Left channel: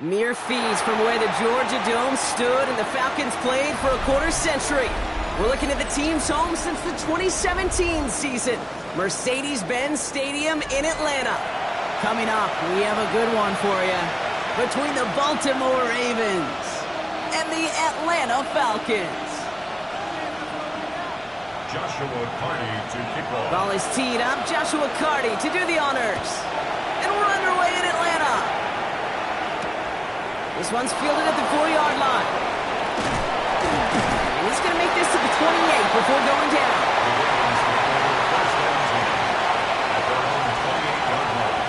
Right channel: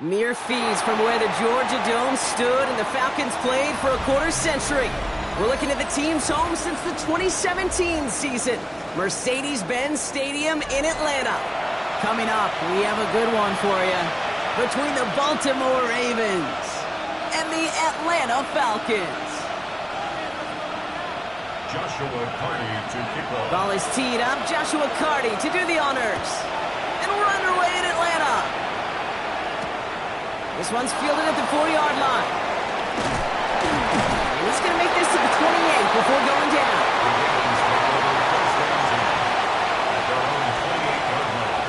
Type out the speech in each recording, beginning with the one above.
Mere feet from where the Georgia Dome stood and the Falcons played for a quarter century. We're looking at the team's home since the 2017 season, Mercedes-Benz Stadium in Atlanta. Coming up, we have a good one for you. Between the Baltimore Ravens and the Atlanta Falcons. Joshua Carty to kick off. Ball is teed up. Joshua Carty to do the honors. And we're underway in Atlanta. This one's fielded at the 4-yard line. And he's going to make this to the 28 before going down. The Ravens take over first and 10 at their own 28-yard line.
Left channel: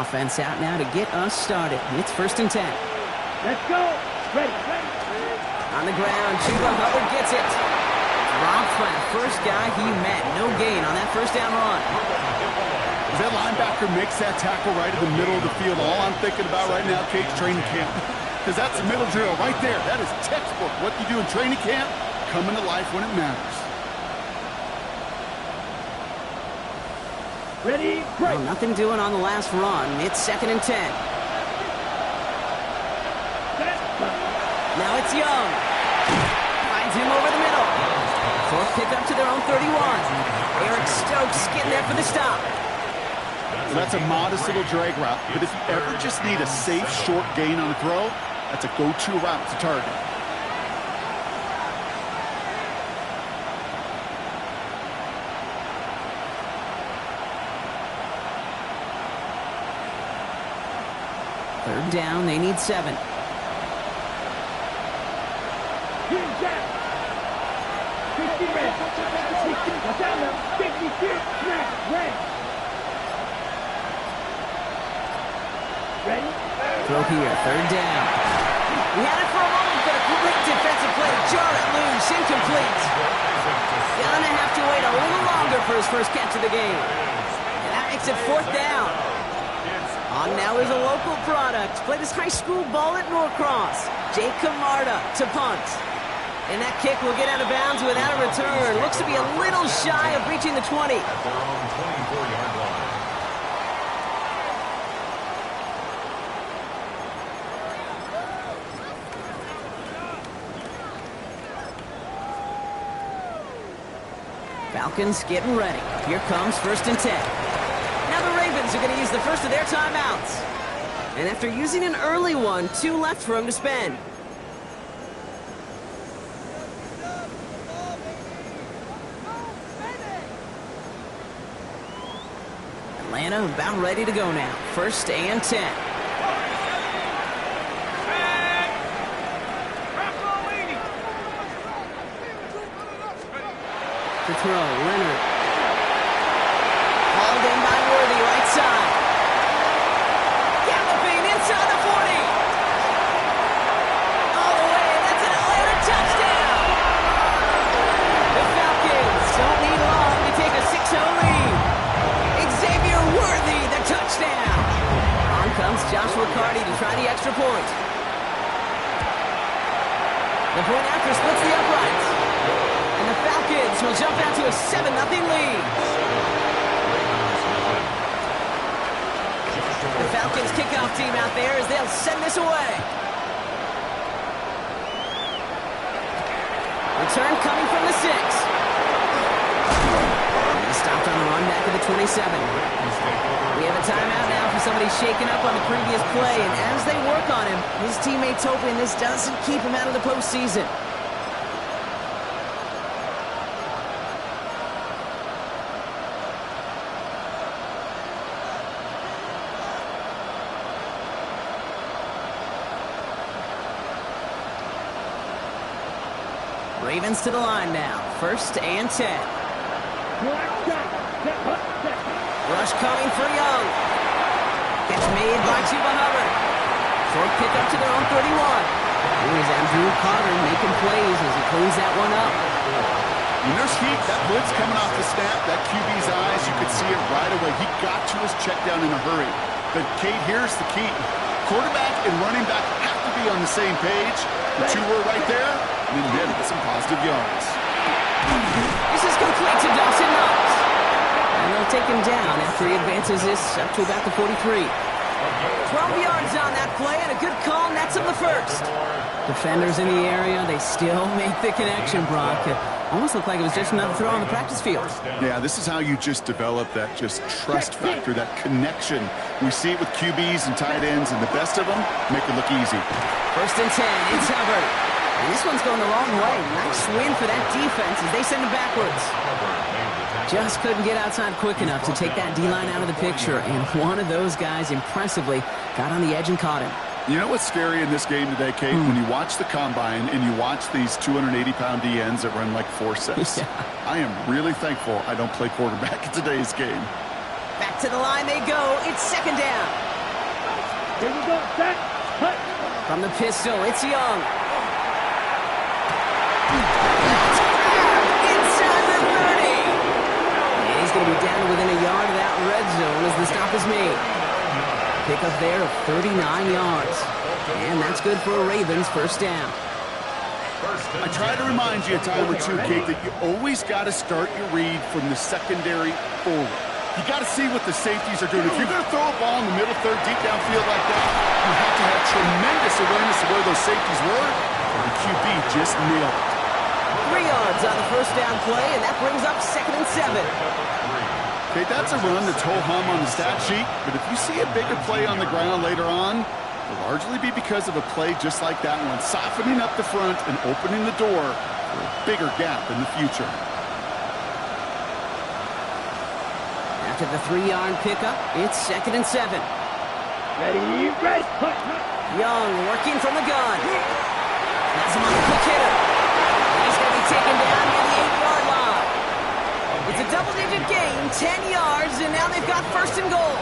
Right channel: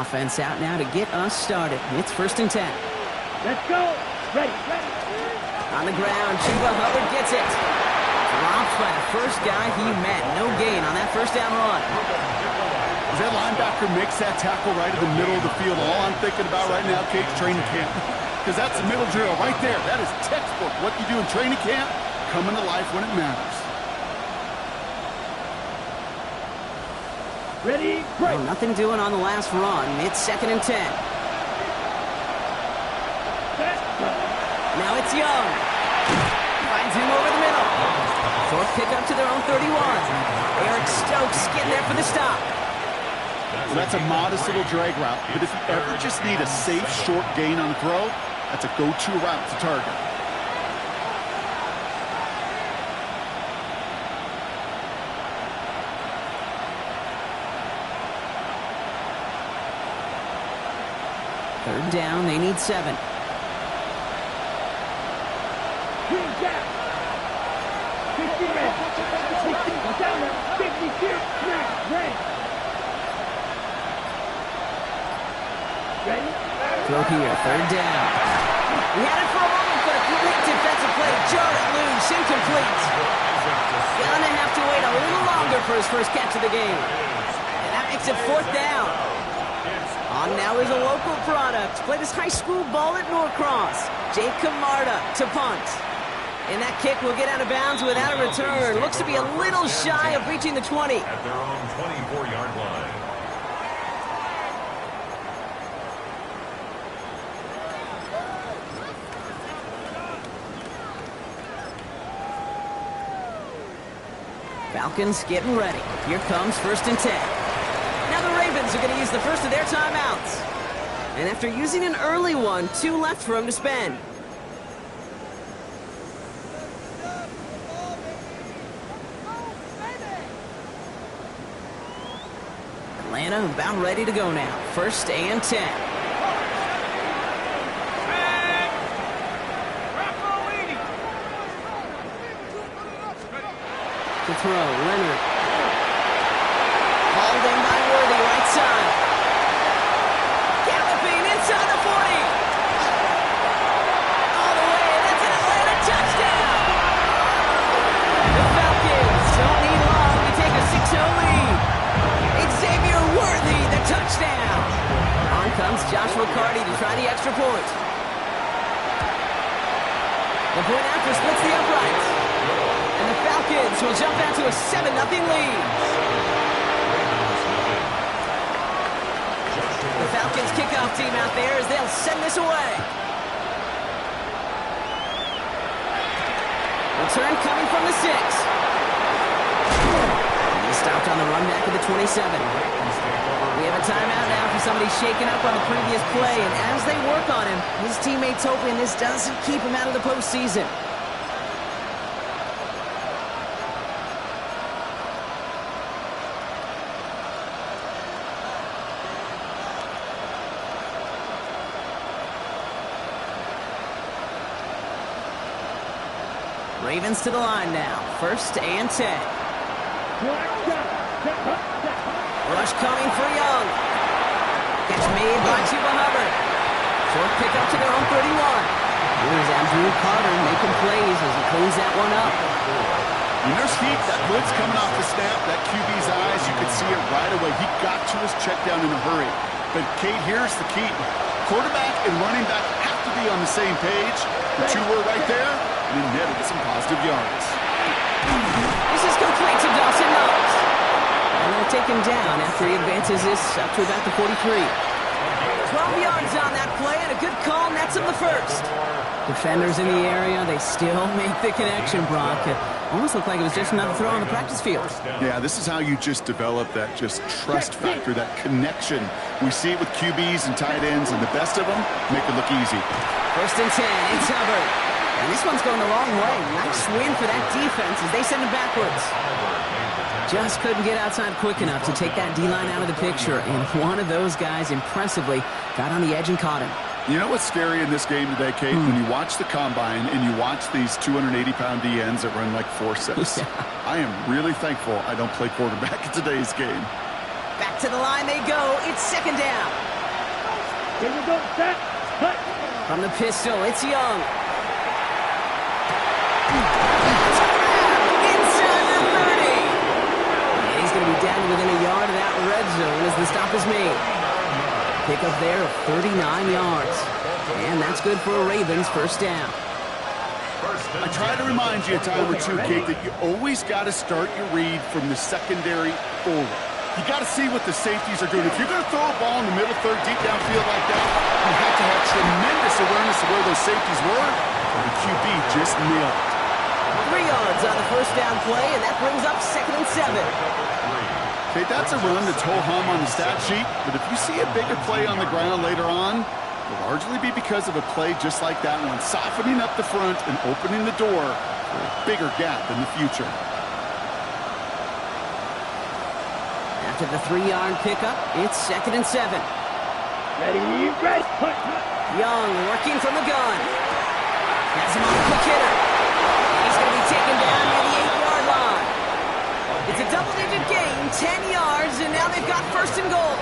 Offense out now to get us started. It's first and 10. Let's go. Ready. On the ground, Chuba Hubbard gets it. Dropped by the first guy he met. No gain on that first down run. As that linebacker makes that tackle right in the middle of the field, all I'm thinking about right now, Kate's training camp. Because that's the middle drill right there. That is textbook. What you do in training camp, coming to life when it matters. Ready, break. Well, nothing doing on the last run. It's second and 10. Now it's Young. Finds him over the middle. Fourth pickup to their own 31. Eric Stokes getting there for the stop. Well, that's a modest little drag route, but if you ever just need a safe, short gain on a throw, that's a go-to route to target. Third down, they need 7. Green gap. 50 red. 60. Go down now. 50 here. Snap. Red. Ready? Throw here, third down. He had it for a moment, but a great defensive play to jar it loose. Incomplete. Gonna have to wait a little longer for his first catch of the game. And that makes it fourth down. On now is a local product. Played his high school ball at Norcross. Jake Camarda to punt. And that kick will get out of bounds without a return. Looks to be a little shy of reaching the 20. At their own 24-yard line. Falcons getting ready. Here comes first and 10. Now the Ravens are going to use the first of their timeouts. And after using an early one, 2 left for him to spend. Atlanta about ready to go now. First and 10. To throw, Leonard. Hauled in by Worthy, right side. Galloping inside the 40. All the way, that's an Atlanta touchdown. The Falcons don't need long to take a 6-0 lead. Xavier Worthy, the touchdown. On comes Joshua Carty to try the extra point. The point after splits the uprights. And the Falcons will jump out to a 7-0 lead. The Falcons kickoff team out there as they'll send this away. Return coming from the 6. And he stopped on the run back at the 27. We have a timeout now for somebody shaken up on the previous play, and as they work on him, his teammates hoping this doesn't keep him out of the postseason. Ravens to the line now. First and 10. Rush coming for Young. Catch made by Chuba Hubbard. Short pickup to their own 31. Here's Andrew Carter making plays as he cleans that one up. And there's heat. That blitz coming off the snap, that QB's eyes, you could see it right away. He got to his check down in a hurry. But, Kate, here's the key. Quarterback and running back have to be on the same page. The two were right there, and it netted some positive yards. This is complete to Dawson Knox. And they'll take him down after he advances this up to about the 43. 12 yards on that play, and a good call nets him the first. Defenders in the area, they still make the connection, Brock. It almost looked like it was just another throw on the practice field. Yeah, this is how you just develop that just trust factor, that connection. We see it with QBs and tight ends, and the best of them make it look easy. 1st and 10, it's Hubbard. And this one's going the wrong way. Nice win for that defense as they send him backwards. Just couldn't get outside quick enough to take that D-line out of the picture, and one of those guys impressively got on the edge and caught him. You know what's scary in this game today, Kate? When you watch the combine and you watch these 280-pound DNs that run like 4.6. Yeah. I am really thankful I don't play quarterback in today's game. Back to the line they go. It's 2nd down. Here we go, set, cut. From the pistol, it's Young. That's grabbed inside the 30. And he's going to be down to within a yard of that red zone as the stop is made. Pick up there of 39 yards. And that's good for a Ravens 1st down. I try to remind you a time or two, Kate, that you always got to start your read from the secondary forward. You got to see what the safeties are doing. If you're going to throw a ball in the middle third, deep downfield like that, you have to have tremendous awareness of where those safeties were, or the QB just nailed it. 3 yards on the 1st down play, and that brings up 2nd and 7. Okay, that's a run that's ho-hum on the stat sheet, but if you see a bigger play on the ground later on, it'll largely be because of a play just like that one, softening up the front and opening the door for a bigger gap in the future. After the 3-yard pickup, it's 2nd and 7. Ready, ready, push. Young working from the gun. Has him on the quick hitter. And he's going to be taken down near the 8-yard line. It's a double-digit gain, 10 yards, and now they've got 1st and goal.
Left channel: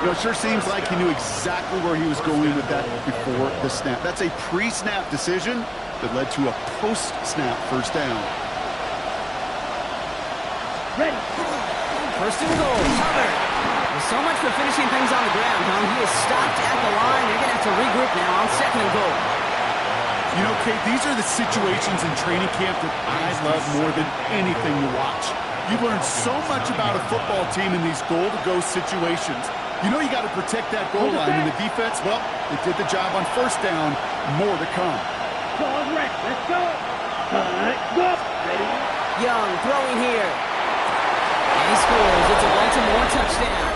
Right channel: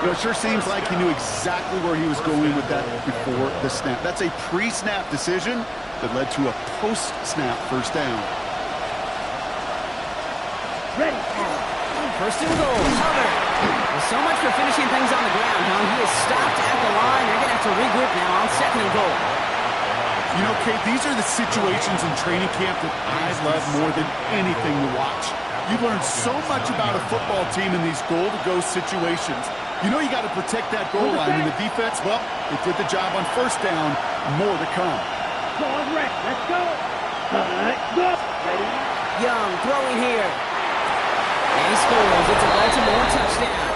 You know, it sure seems like he knew exactly where he was going with that before the snap. That's a pre-snap decision that led to a post-snap 1st down. Ready. 1st and goal, Hubbard. Well, so much for finishing things on the ground, huh? He is stopped at the line. They're going to have to regroup now on 2nd and goal. You know, Kate, these are the situations in training camp that I love more than anything to watch. You've learned so much about a football team in these goal-to-go situations. You know you got to protect that goal line, and the defense, well, they did the job on 1st down. More to come. Ball's ready. Let's go. Go. Ready. Young throwing here. And he scores. It's a Baltimore touchdown.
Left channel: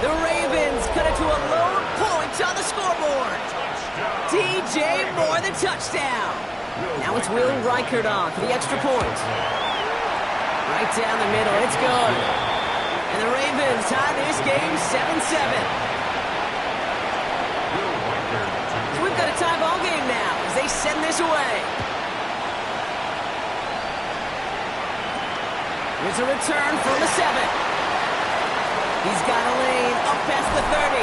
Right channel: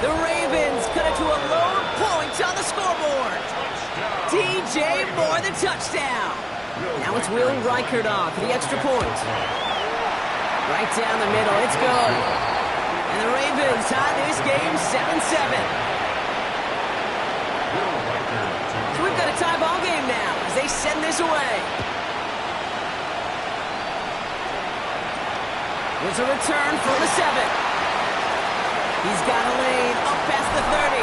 The Ravens cut it to a low point on the scoreboard. DJ Moore, the touchdown. Now it's Will Reichert on for the extra point. Right down the middle, it's good. And the Ravens tie this game 7-7. So we've got a tie ball game now as they send this away. There's a return from the 7. He's got a lane up past the 30.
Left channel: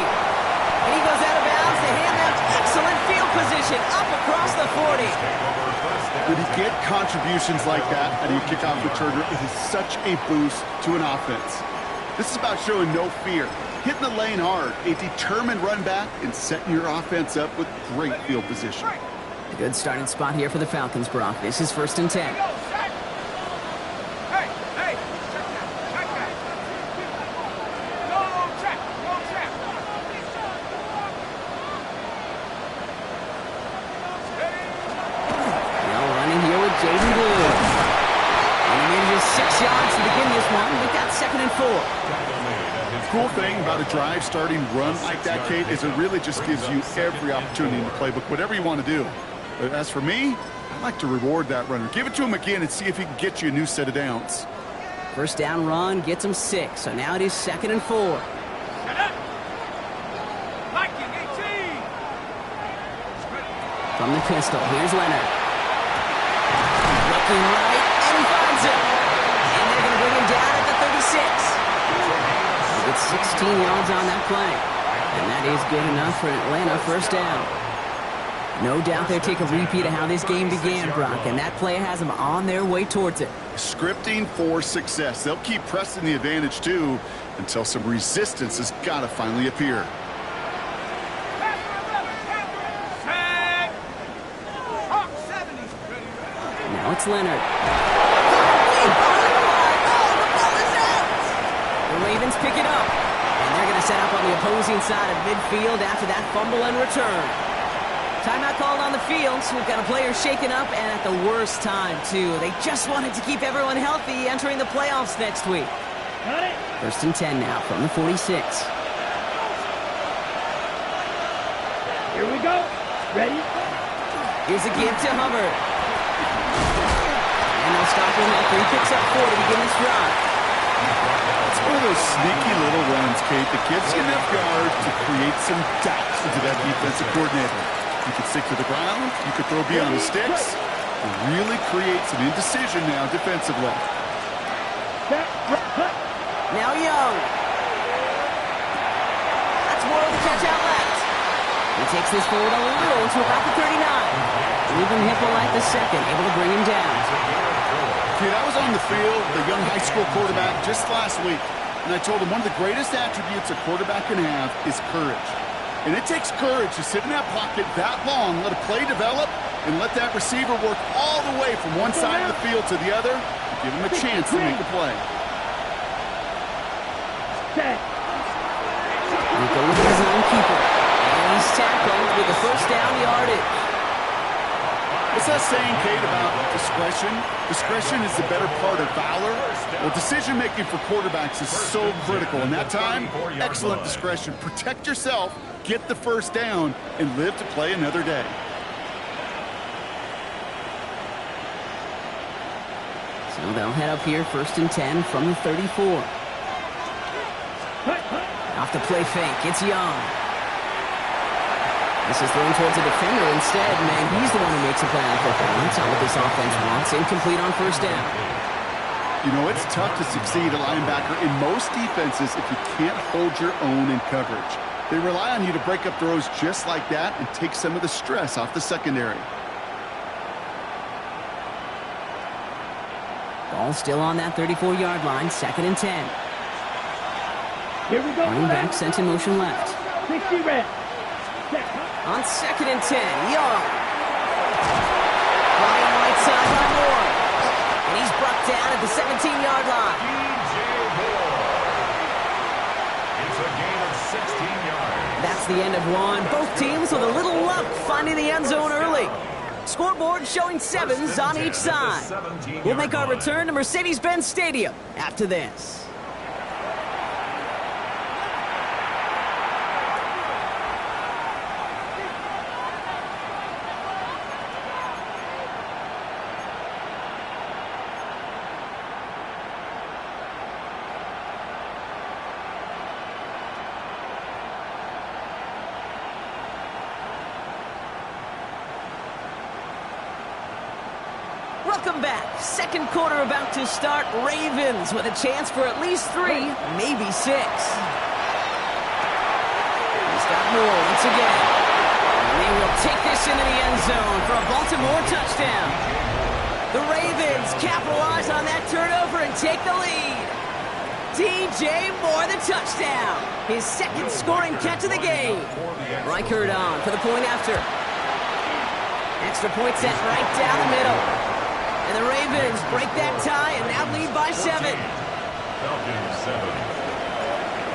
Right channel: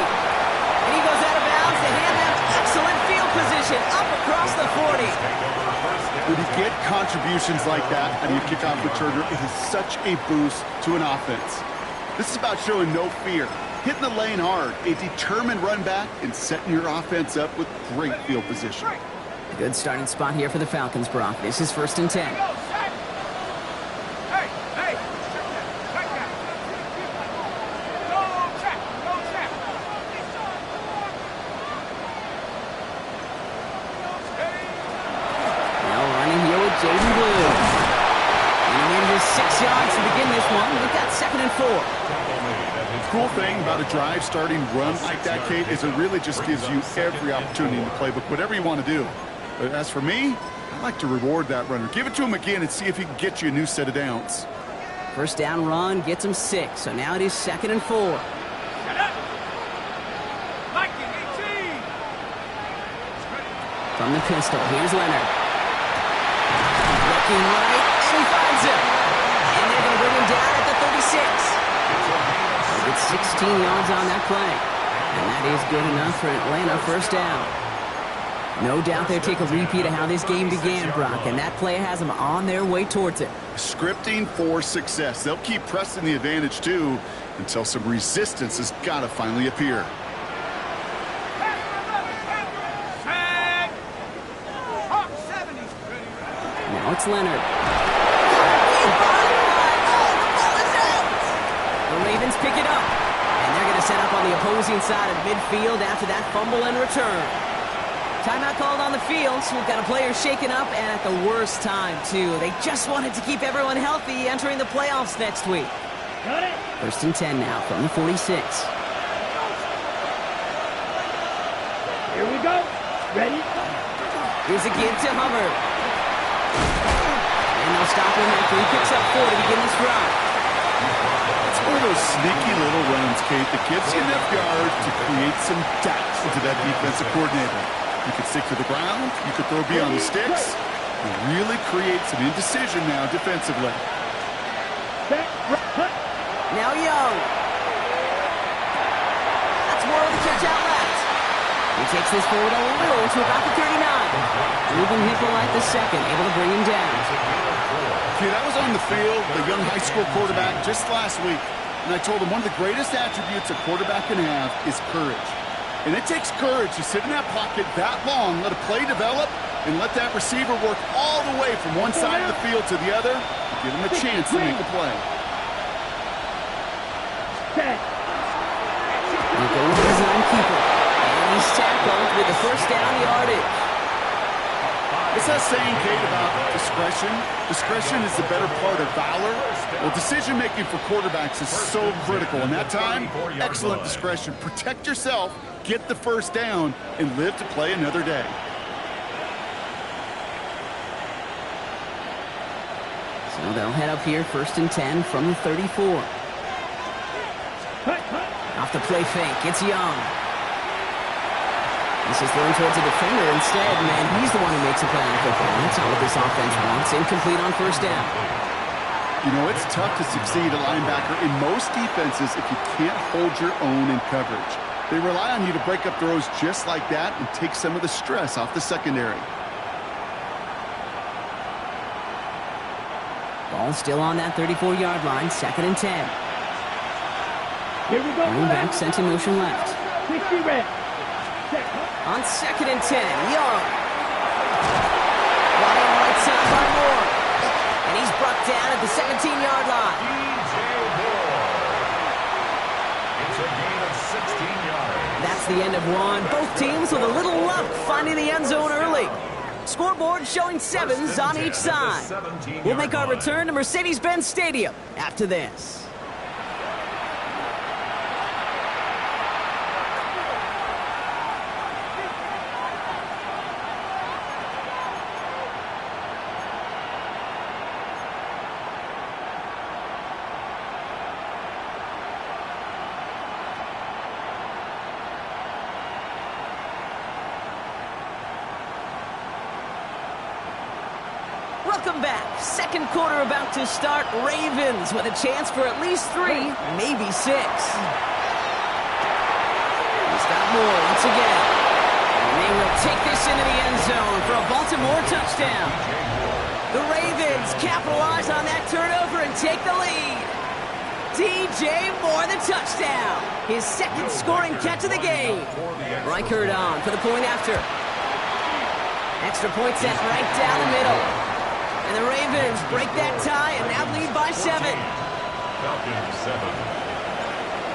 And he goes out of bounds to hand them excellent field position up across the 40. When you get contributions like that out of your kickoff returner, it is such a boost to an offense. This is about showing no fear, hitting the lane hard, a determined run back, and setting your offense up with great field position. A good starting spot here for the Falcons, Brock. This is 1st and 10. Jaden Blue. And he made it 6 yards to begin this one. We've got 2nd and 4. The cool thing about a drive starting run like that, Kate, is it really just gives you every opportunity in the playbook, whatever you want to do. But as for me, I like to reward that runner. Give it to him again and see if he can get you a new set of downs. 1st down run gets him 6. So now it is 2nd and 4. From the pistol, here's Leonard. Looking right, and he finds him. And they're going to bring him down at the 36. He'll get 16 yards on that play. And that is good enough for Atlanta. First down. No doubt they'll take a repeat of how this game began, Brock, and that play has them on their way towards it. Scripting for success. They'll keep pressing the advantage, too, until some resistance has got to finally appear. Now it's Leonard. The Ravens pick it up, and they're going to set up on the opposing side of midfield after that fumble and return. Timeout called on the field, so we've got a player shaken up, and at the worst time, too. They just wanted to keep everyone healthy entering the playoffs next week. Got it. First and 10 now from the 46. Here we go. Ready? Here's a give to Hubbard. And they'll stop him after he picks up 4 to begin this drive. It's one of those sneaky little runs, Kate, that gives you enough yards to create some doubts into that defensive coordinator. You could stick to the ground, you could throw beyond the sticks, and really create some indecision now defensively. Now Young. That's Worrell to catch out left. He takes this forward a little to about the 39. Ruben Hippolyte the second, able to bring him down. Kid, I was on the field, the young high school quarterback, just last week, and I told him one of the greatest attributes a quarterback can have is courage. And it takes courage to sit in that pocket that long, let a play develop, and let that receiver work all the way from one side of the field to the other, and give him a chance to make a play. They go with the design keeper. And he's tackled with the first down yardage. What's that saying, Kate, about discretion? Discretion is the better part of valor. Well, decision-making for quarterbacks is so critical. In that time, excellent discretion. Protect yourself, get the first down, and live to play another day. So they'll head up here, first and 10 from the 34. Off the play fake, it's Young. This is thrown towards a defender instead. Man, he's the one who makes a play on football. That's not what this offense wants. Incomplete on first down. You know, it's tough to succeed at linebacker in most defenses if you can't hold your own in coverage. They rely on you to break up throws just like that and take some of the stress off the secondary. Ball still on that 34-yard line, second and 10. Here we go. Running back sent in motion left. 60 red. On second and 10, Young. Brought in right side by Moore. And he's brought down at the 17-yard line. DJ Moore. It's a gain of 16 yards. That's the end of one. Both teams with a little luck finding the end zone early. Scoreboard showing 7s on each side. We'll make our return to Mercedes-Benz Stadium after this. Welcome back. Second quarter about to start. Ravens with a chance for at least 3, maybe 6. He's got more once again. And they will take this into the end zone for a Baltimore touchdown. The Ravens capitalize on that turnover and take the lead. DJ Moore the touchdown. His second scoring catch of the game. Reichert on for the point after. Extra point set right down the middle. And the Ravens break that tie and now lead by 7. Falcons 7.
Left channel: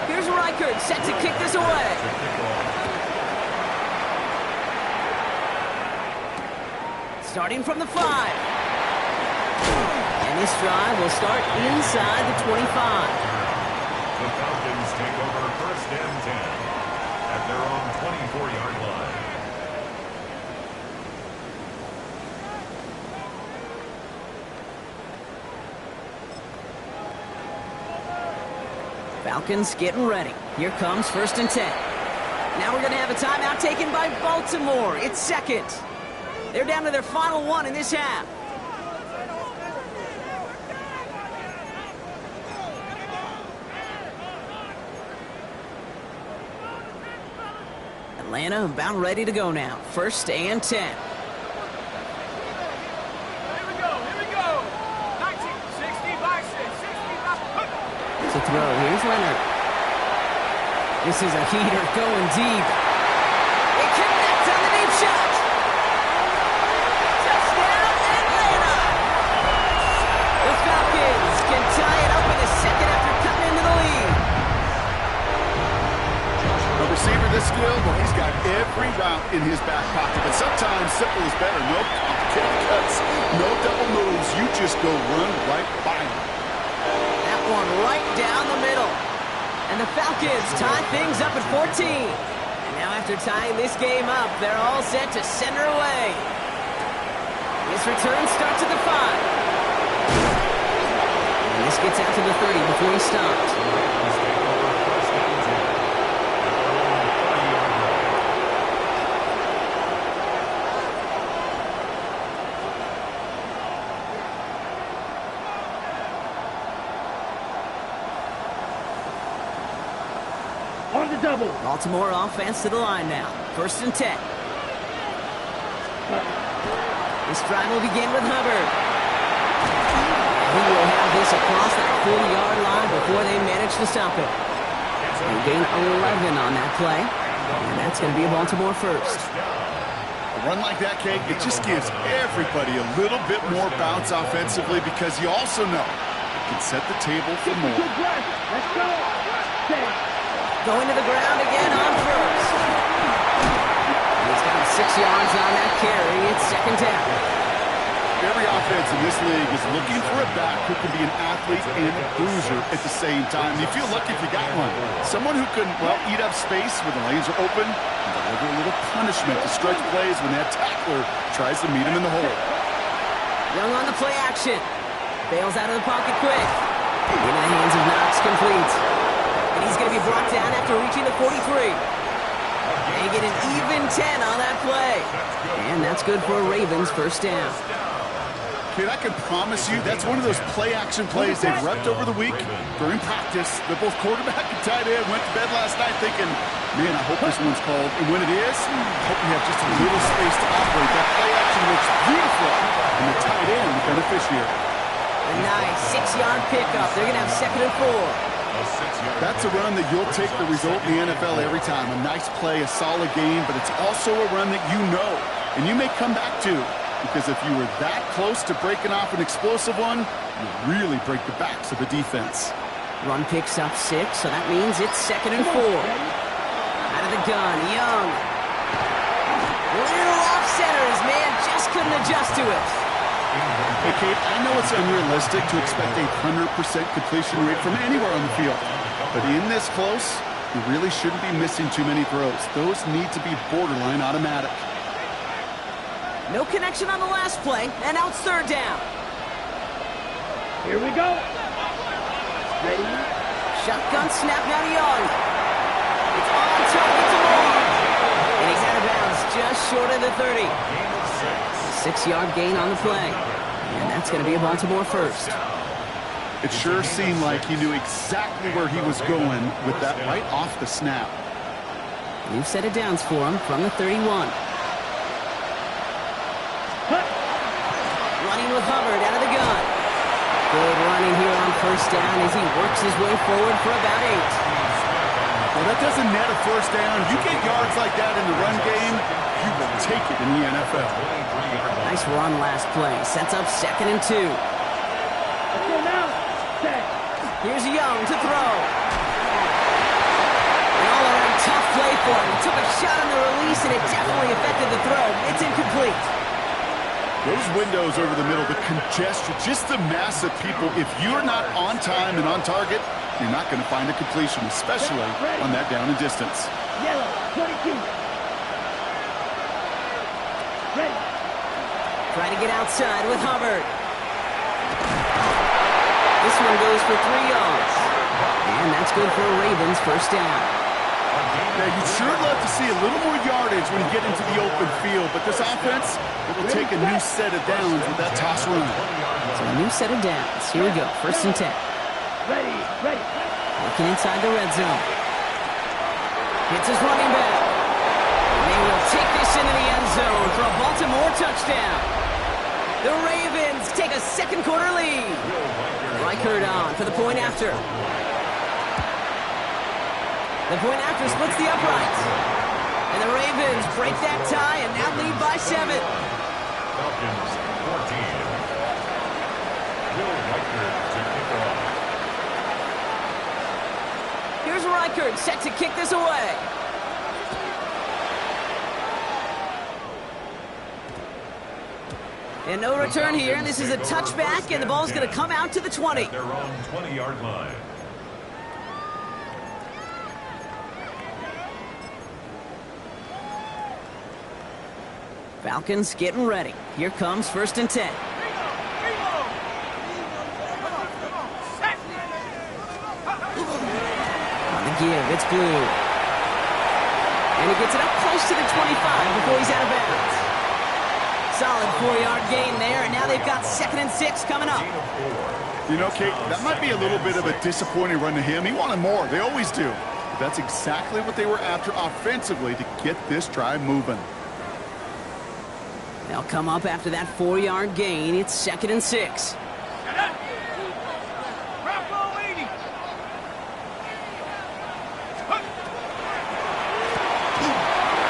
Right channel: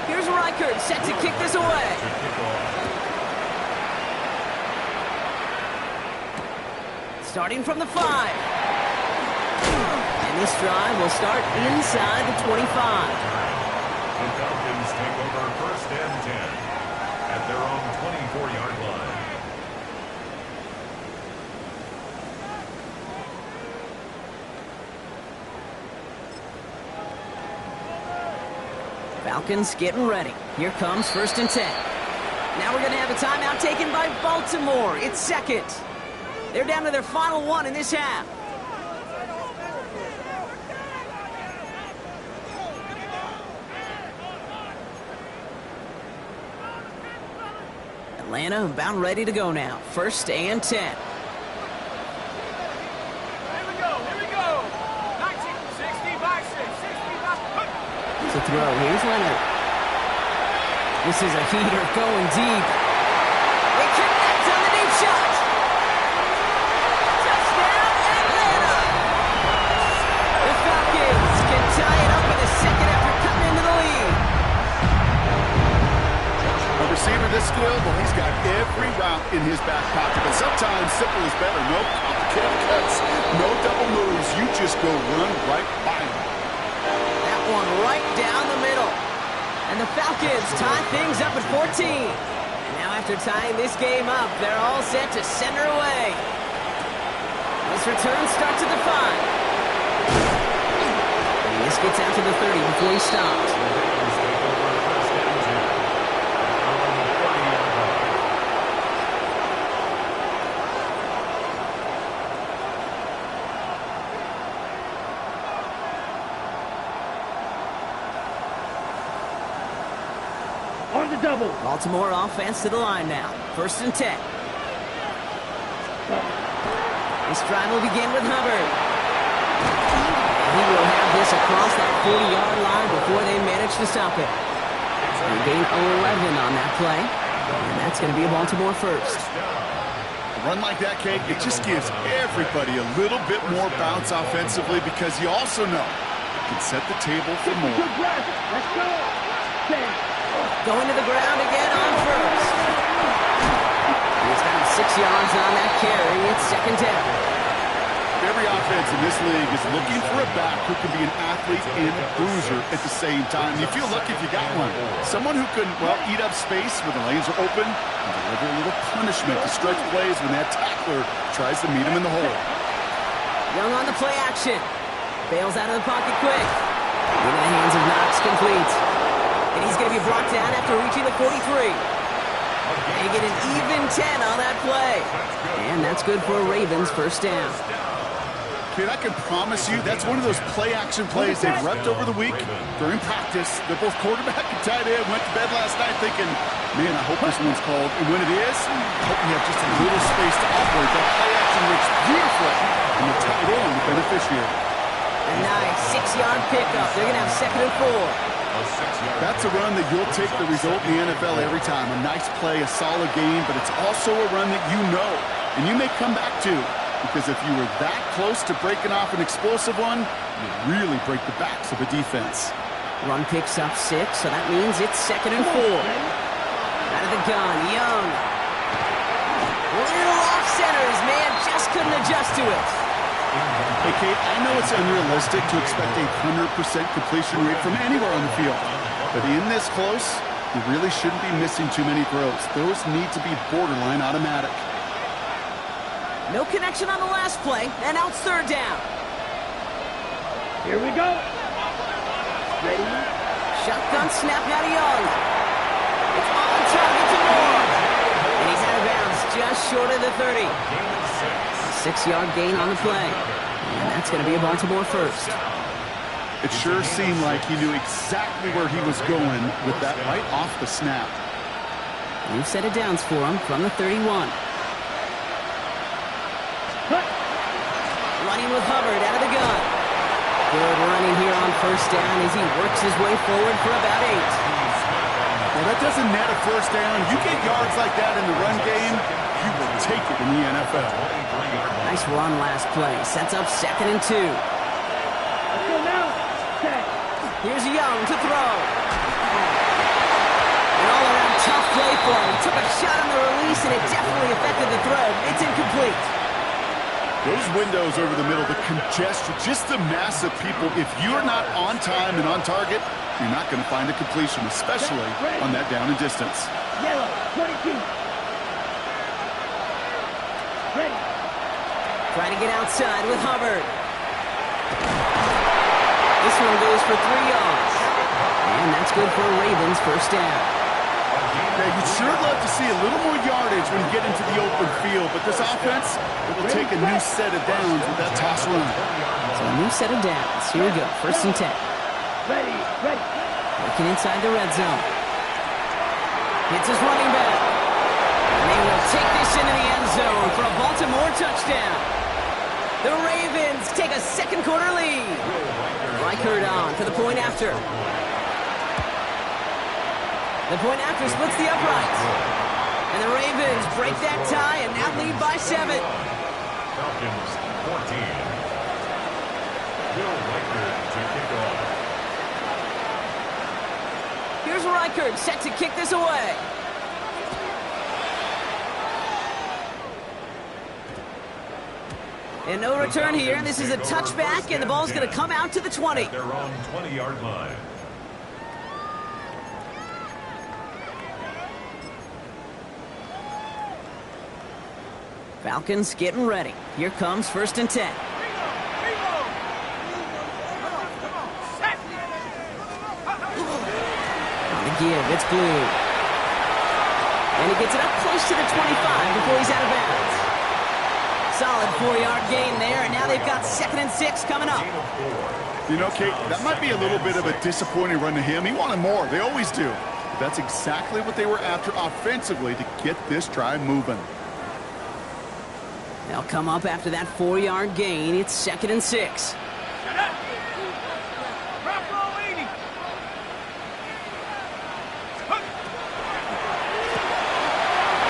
Here's Reichert set to kick this away. Starting from the 5. And this drive will start inside the 25. The Falcons take over first and 10 at their own 24-yard line. Falcons getting ready. Here comes first and 10. Now we're going to have a timeout taken by Baltimore. It's second. They're down to their final one in this half. Atlanta about ready to go now. 1st and 10. Here we go. 19, 60 by 6, 60 by... To throw, here's Leonard. This is a heater going deep. It connects on the deep shot. Touchdown, Atlanta! The Falcons can tie it up in a second after cutting into the lead. A receiver this skilled, well, he's got every route in his back pocket. But sometimes simple is better. No complicated cuts, no double moves. You just go run right by him. That one right down the middle. And the Falcons tie things up at 14. And now after tying this game up, they're all set to center away. This return starts at the 5. And this gets out to the 30 before he stops. The Ravens take over 1st and 10 at their own 30-yard line. On the double. Baltimore offense to the line now. 1st and 10. This drive will begin with Hubbard. And he will have this across that 40-yard line before they manage to stop it. They gain 11 on that play. And that's going to be a Baltimore first. A run like that, Kate, it just gives everybody a little bit more bounce offensively because you also know it can set the table for more. Good breath. Let's go. 10. Going to the ground again on first. And he's got 6 yards on that carry. It's 2nd down. Every offense in this league is looking for a back who can be an athlete and a bruiser at the same time. You feel lucky if you got one. Someone who can, well, eat up space when the lanes are open and deliver a little punishment to stretch plays when that tackler tries to meet him in the hole. Young on the play action. Bails out of the pocket quick. Into the hands of Knox, complete. And he's going to be brought down after reaching the 43. They get an even 10 on that play. And that's good for a Ravens 1st down. Kid, I can promise you that's one of those play-action plays they've repped over the week during practice. They're both quarterback and tight end went to bed last night thinking, man, I hope this one's called. And when it is, I hope we have just a little space to operate. That play-action works beautifully. And the tight end, the beneficiary. A nice 6-yard pickup. They're going to have 2nd and 4. That's a run that you'll take the result in the NFL every time. A nice play, a solid game, but it's also a run that you know and you may come back to. Because if you were that close to breaking off an explosive one, you really break the backs of the defense. Run picks up 6, so that means it's 2nd and 4. Out of the gun, Young. Little off center. His man just couldn't adjust to it. Hey, Kate, I know it's unrealistic to expect a 100% completion rate from anywhere on the field. But in this close, you really shouldn't be missing too many throws. Those need to be borderline automatic. No connection on the last play, and now it's 3rd down. Here we go. Ready? Shotgun snap now to Young. It's on target to Moore. And he's out of bounds just short of the 30. 6-yard gain on the play. And that's going to be a Baltimore first. It sure seemed like he knew exactly where he was going with that right off the snap. New set of downs for him from the 31. Running with Hubbard out of the gun. Good running here on 1st down as he works his way forward for about 8. Well, that doesn't net a 1st down. You get yards like that in the run game, you will take it in the NFL. Nice run last play. Sets up 2nd and 2. Let's go now. Set. Here's Young to throw. An all-around tough play for him. He took a shot on the release, and it definitely affected the throw. It's incomplete. Those windows over the middle, the congestion, just the mass of people. If you're not on time and on target, you're not going to find a completion, especially on that down and distance. Yellow, 22. Ready. Try to get outside with Hubbard. This one goes for 3 yards. And that's good for a Ravens 1st down. Now, you'd sure love to see a little more yardage when you get into the open field, but this offense, it will take a new set of downs with that toss run. So a new set of downs. Here we go, 1st and 10. Ready. Working inside the red zone. Hits his running back. take this into the end zone for a Baltimore touchdown. The Ravens take a second quarter lead. Reichard on for the point after. The point after splits the uprights. And the Ravens break that tie and now lead by 7. Falcons 14. Will Reichard to kick off. Here's Reichard set to kick this away. And no return here, and this is a touchback, and the ball's going to come out to the 20. At their own 20-yard line. Falcons getting ready. Here comes 1st and 10. On the give, it's Blue. And he gets it up close to the 25 before he's out of bounds. Solid 4-yard gain there, and now they've got 2nd and 6 coming up. You know, Kate, that might be a little bit of a disappointing run to him. He wanted more. They always do. But that's exactly what they were after offensively to get this drive moving. They'll come up after that 4-yard gain. It's 2nd and 6.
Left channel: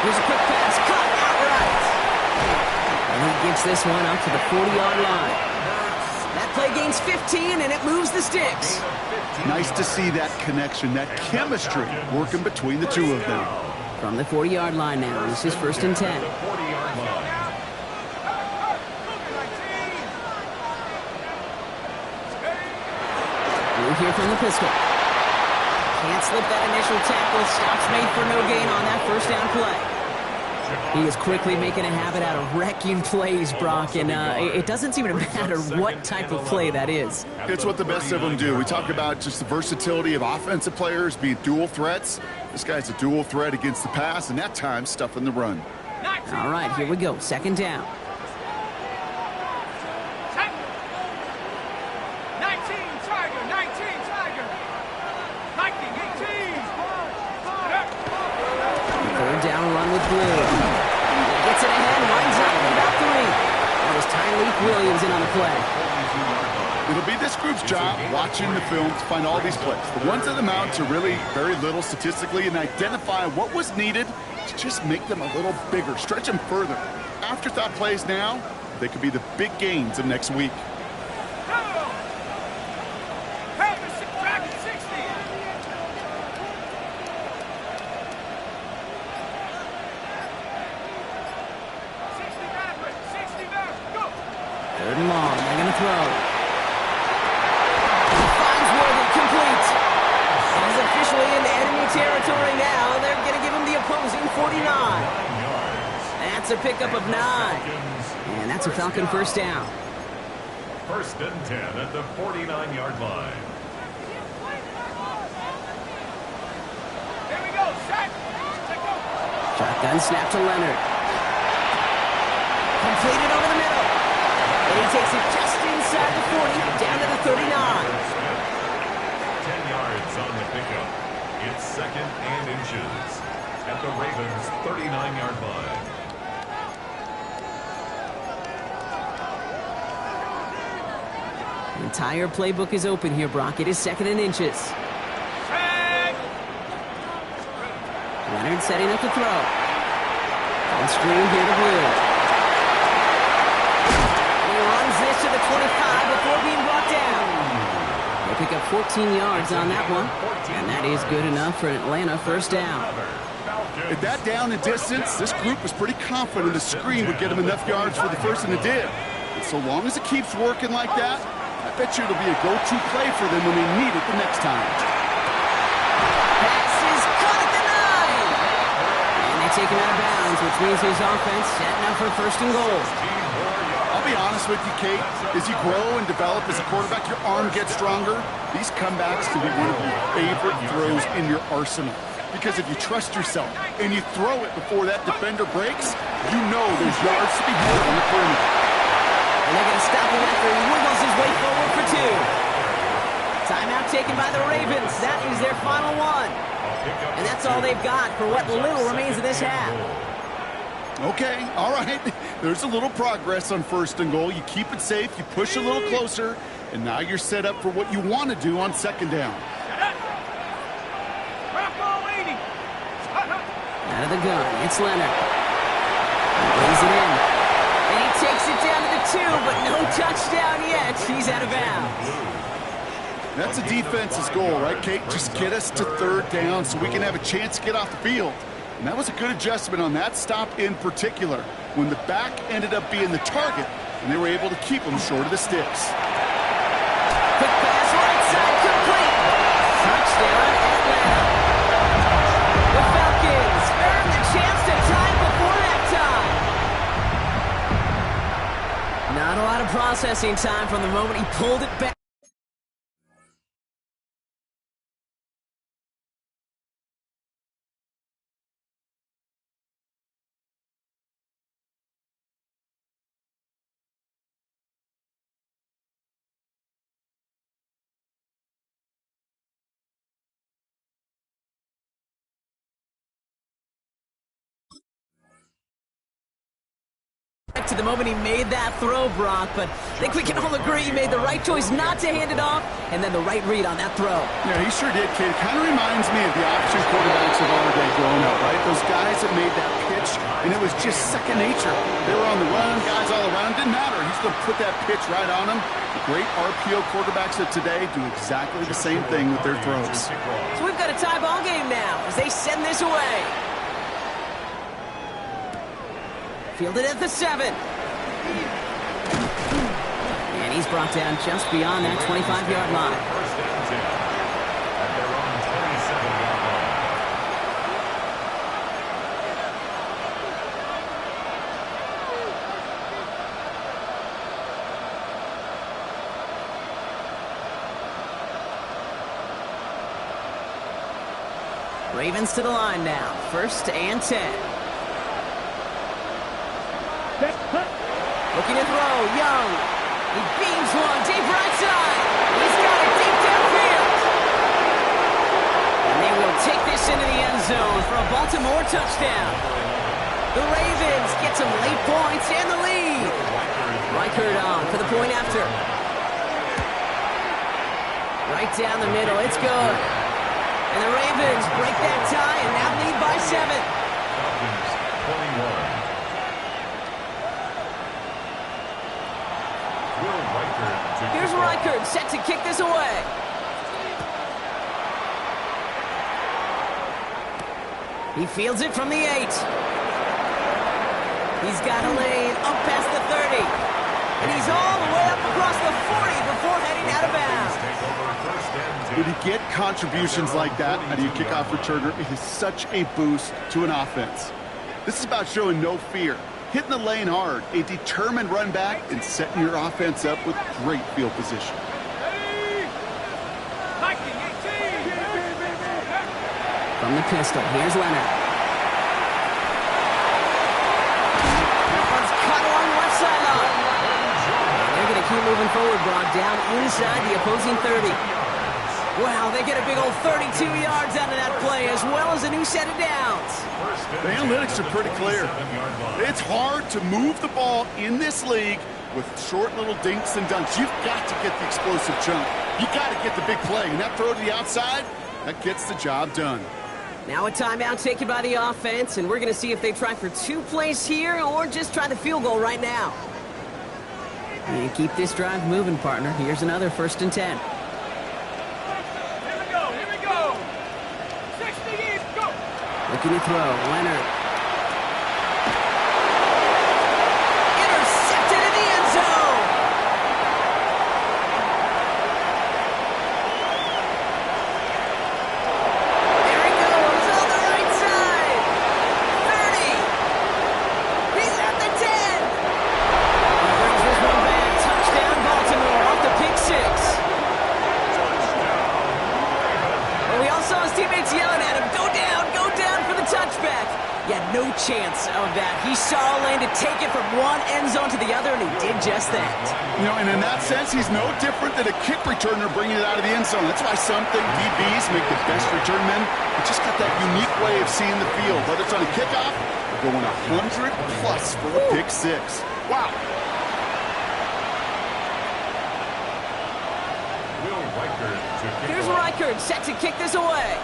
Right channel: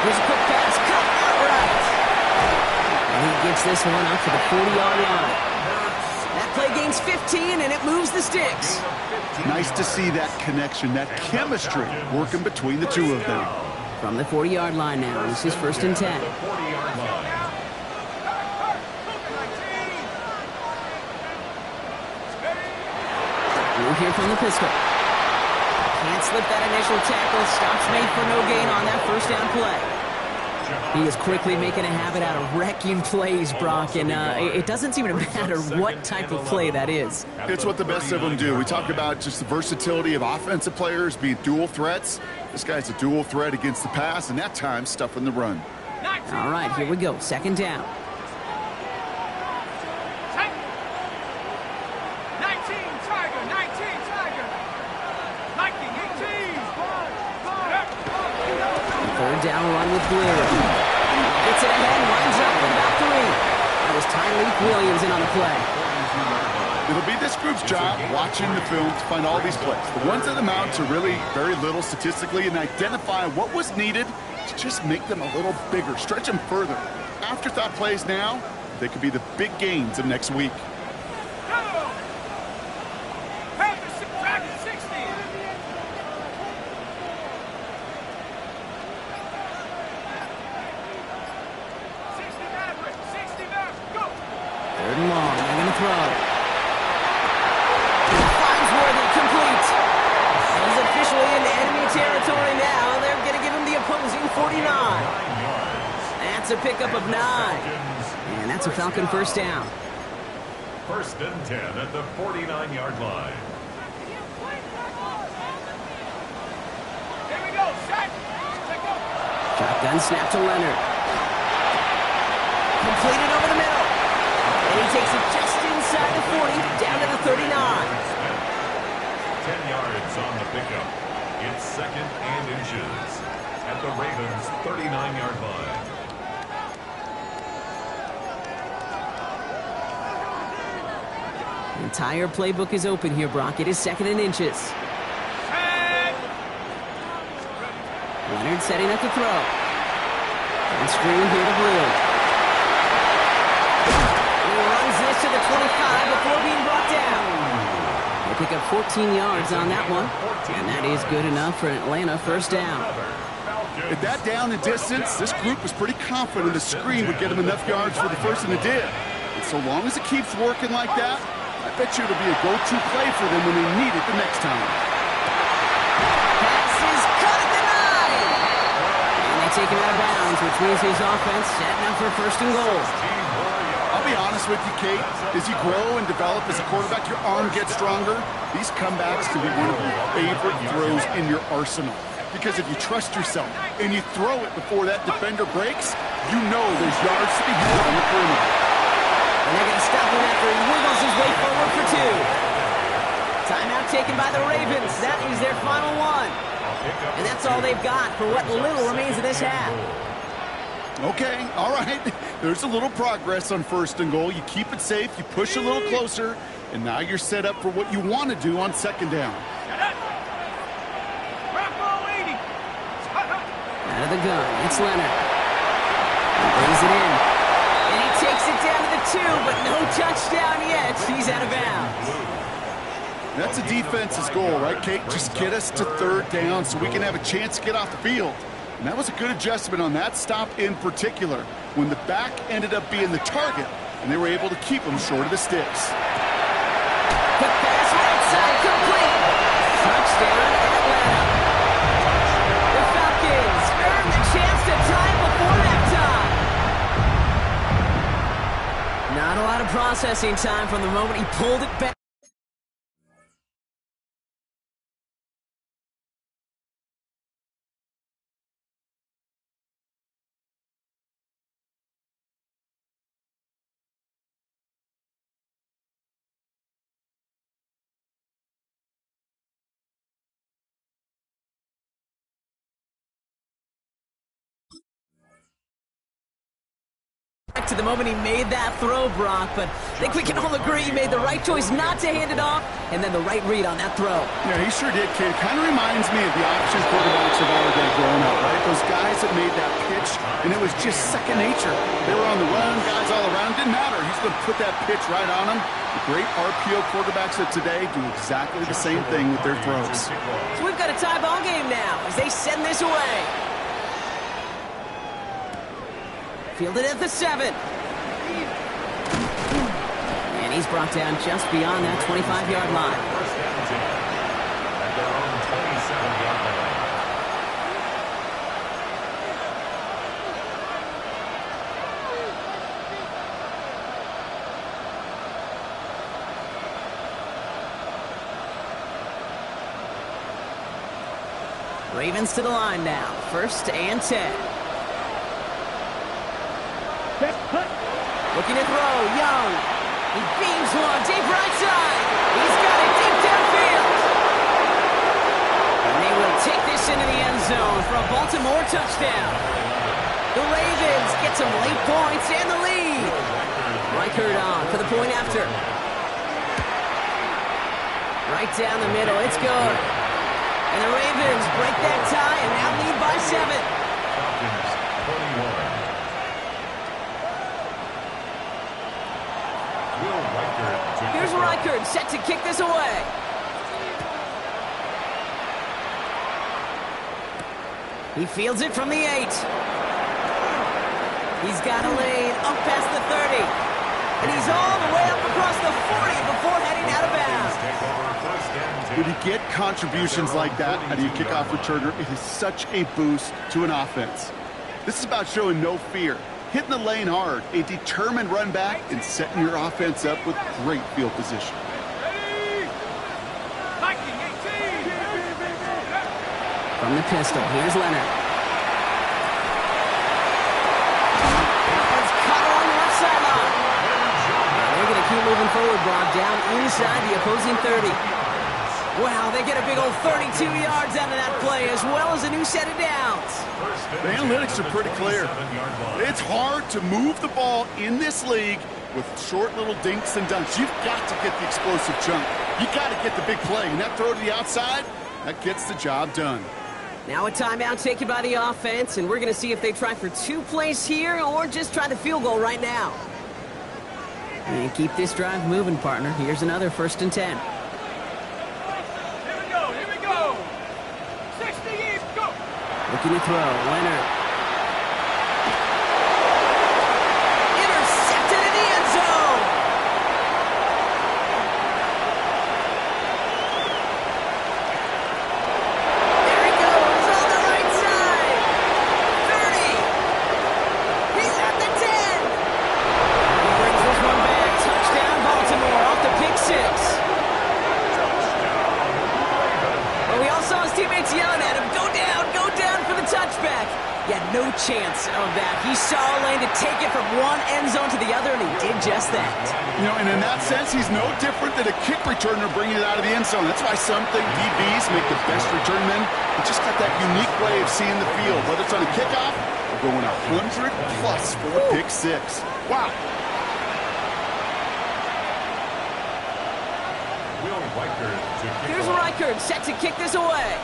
Here's a quick pass, cut outright. And he gets this one up to the 40-yard line. That play gains 15, and it moves the sticks. Nice to see that connection, that chemistry working between the two of them. From the 40-yard line now, this is 1st and 10. The 40-yard line. Blue here from the pistol. Can't slip that initial tackle. Stops made for no gain on that 1st down play. He is quickly making a habit out of wrecking plays, Brock, and it doesn't seem to matter what type of play that is. It's what the best of them do. We talk about just the versatility of offensive players being dual threats. This guy's a dual threat against the pass, and at times stuffing the run. All right, here we go. 2nd down. 3rd down run with Blue. Gets it ahead, winds up with about 3. That was Tyreek Williams in on the play. It'll be this group's job watching the film to find all these plays. The ones that amount to really very little statistically and identify what was needed to just make them a little bigger, stretch them further. Afterthought plays now, they could be the big gains of next week. Third and long, they're going to throw. Finds Worthy, complete. And he's officially into enemy territory now. They're going to give him the opposing 49. That's a pickup of 9. And that's a Falcon 1st down. 1st and 10 at the 49-yard line. Here we go, set. Shotgun snap to Leonard. Completed over the middle. And he takes it just inside the 40, down to the 39. 10 yards on the pickup. It's 2nd and inches at the Ravens' 39-yard line. The entire playbook is open here, Brock. It is 2nd and inches. Leonard setting up to throw. On screen here to Blue. This to the 25 before being brought down. They pick up 14 yards on that one, and that is good enough for an Atlanta 1st down. At that down and distance, this group was pretty confident the screen would get them enough yards for the 1st, and it did. And so long as it keeps working like that, I bet you it'll be a go-to play for them when they need it the next time. Pass is caught at the 9. And they take him out of bounds, which means his offense setting up for 1st and goal. I'll be honest with you, Kate. As you grow and develop as a quarterback, your arm gets stronger. These comebacks can be one of your favorite throws in your arsenal. Because if you trust yourself and you throw it before that defender breaks, you know there's yards to be had on the perimeter. And they're going to stop him after he wiggles his way forward for 2. Timeout taken by the Ravens. That is their final one. And that's all they've got for what little remains of this half. Okay, all right. There's a little progress on 1st and goal. You keep it safe, you push a little closer, and now you're set up for what you want to do on 2nd down. Out of the gun, it's Leonard. He brings it in. And he takes it down to the 2, but no touchdown yet. He's out of bounds. That's a defense's goal, right, Kate? Just get us to 3rd down so we can have a chance to get off the field. And that was a good adjustment on that stop in particular, when the back ended up being the target, and they were able to keep him short of the sticks. Quick pass, right side, complete. Touchdown, Atlanta. The Falcons earn the chance to tie before halftime. Not a lot of processing time from the moment he pulled it back. To the moment he made that throw, Brock, but I think we can all agree he made the right choice not to hand it off, and then the right read on that throw. Yeah, he sure did, kid. Kind of reminds me of the option quarterbacks of our day growing up, right? Those guys that made that pitch, and it was just second nature. They were on the run, guys all around. Didn't matter. He's going to put that pitch right on them. The great RPO quarterbacks of today do exactly the same thing with their throws. So we've got a tie ball game now as they send this away. Fielded at the 7. And he's brought down just beyond that 25-yard line. 1st and 10 at their own 27-yard line. Ravens to the line now. 1st and 10. Looking to throw, Young. He beams one, deep right side. He's got it deep downfield. And they will take this into the end zone for a Baltimore touchdown. The Ravens get some late points and the lead. Reichert on for the point after. Right down the middle, it's good. And the Ravens break that tie and now lead by 7. Falcons 21. Here's Reichert set to kick this away. He fields it from the 8. He's got a lane up past the 30. And he's all the way up across the 40 before heading out of bounds. When you get contributions like that out of your kickoff returner, it is such a boost to an offense. This is about showing no fear. Hitting the lane hard, a determined run back, and setting your offense up with great field position. From the pistol, here's Leonard. That one's caught along the left sideline. And they're going to keep moving forward, Brock, down inside the opposing 30. Wow, they get a big old 32 yards out of that play, as well as a new set of downs. The analytics are pretty clear. It's hard to move the ball in this league with short little dinks and dunks. You've got to get the explosive chunk. You got to get the big play, and that throw to the outside, that gets the job done. Now a timeout taken by the offense, and we're going to see if they try for 2 plays here or just try the field goal right now. And keep this drive moving, partner. Here's another 1st and 10. Looking to throw, Leonard. Intercepted in the end zone. There he goes on the right side. 30. He's at the 10. He brings this one back. Touchdown, Baltimore off the pick 6. Well, we all saw his teammates yelling at him, go down for the touchback. Yeah, no chance of that. He saw a lane to take it from one end zone to the other, and he did just that. You know, and in that sense, he's no different than a kick returner bringing it out of the end zone. That's why some think DBs make the best return men. They just got that unique way of seeing the field, whether it's on a kickoff or going 100+ for a pick six. Wow. Will Reichard to kick Here's off. Reichard set to kick this away.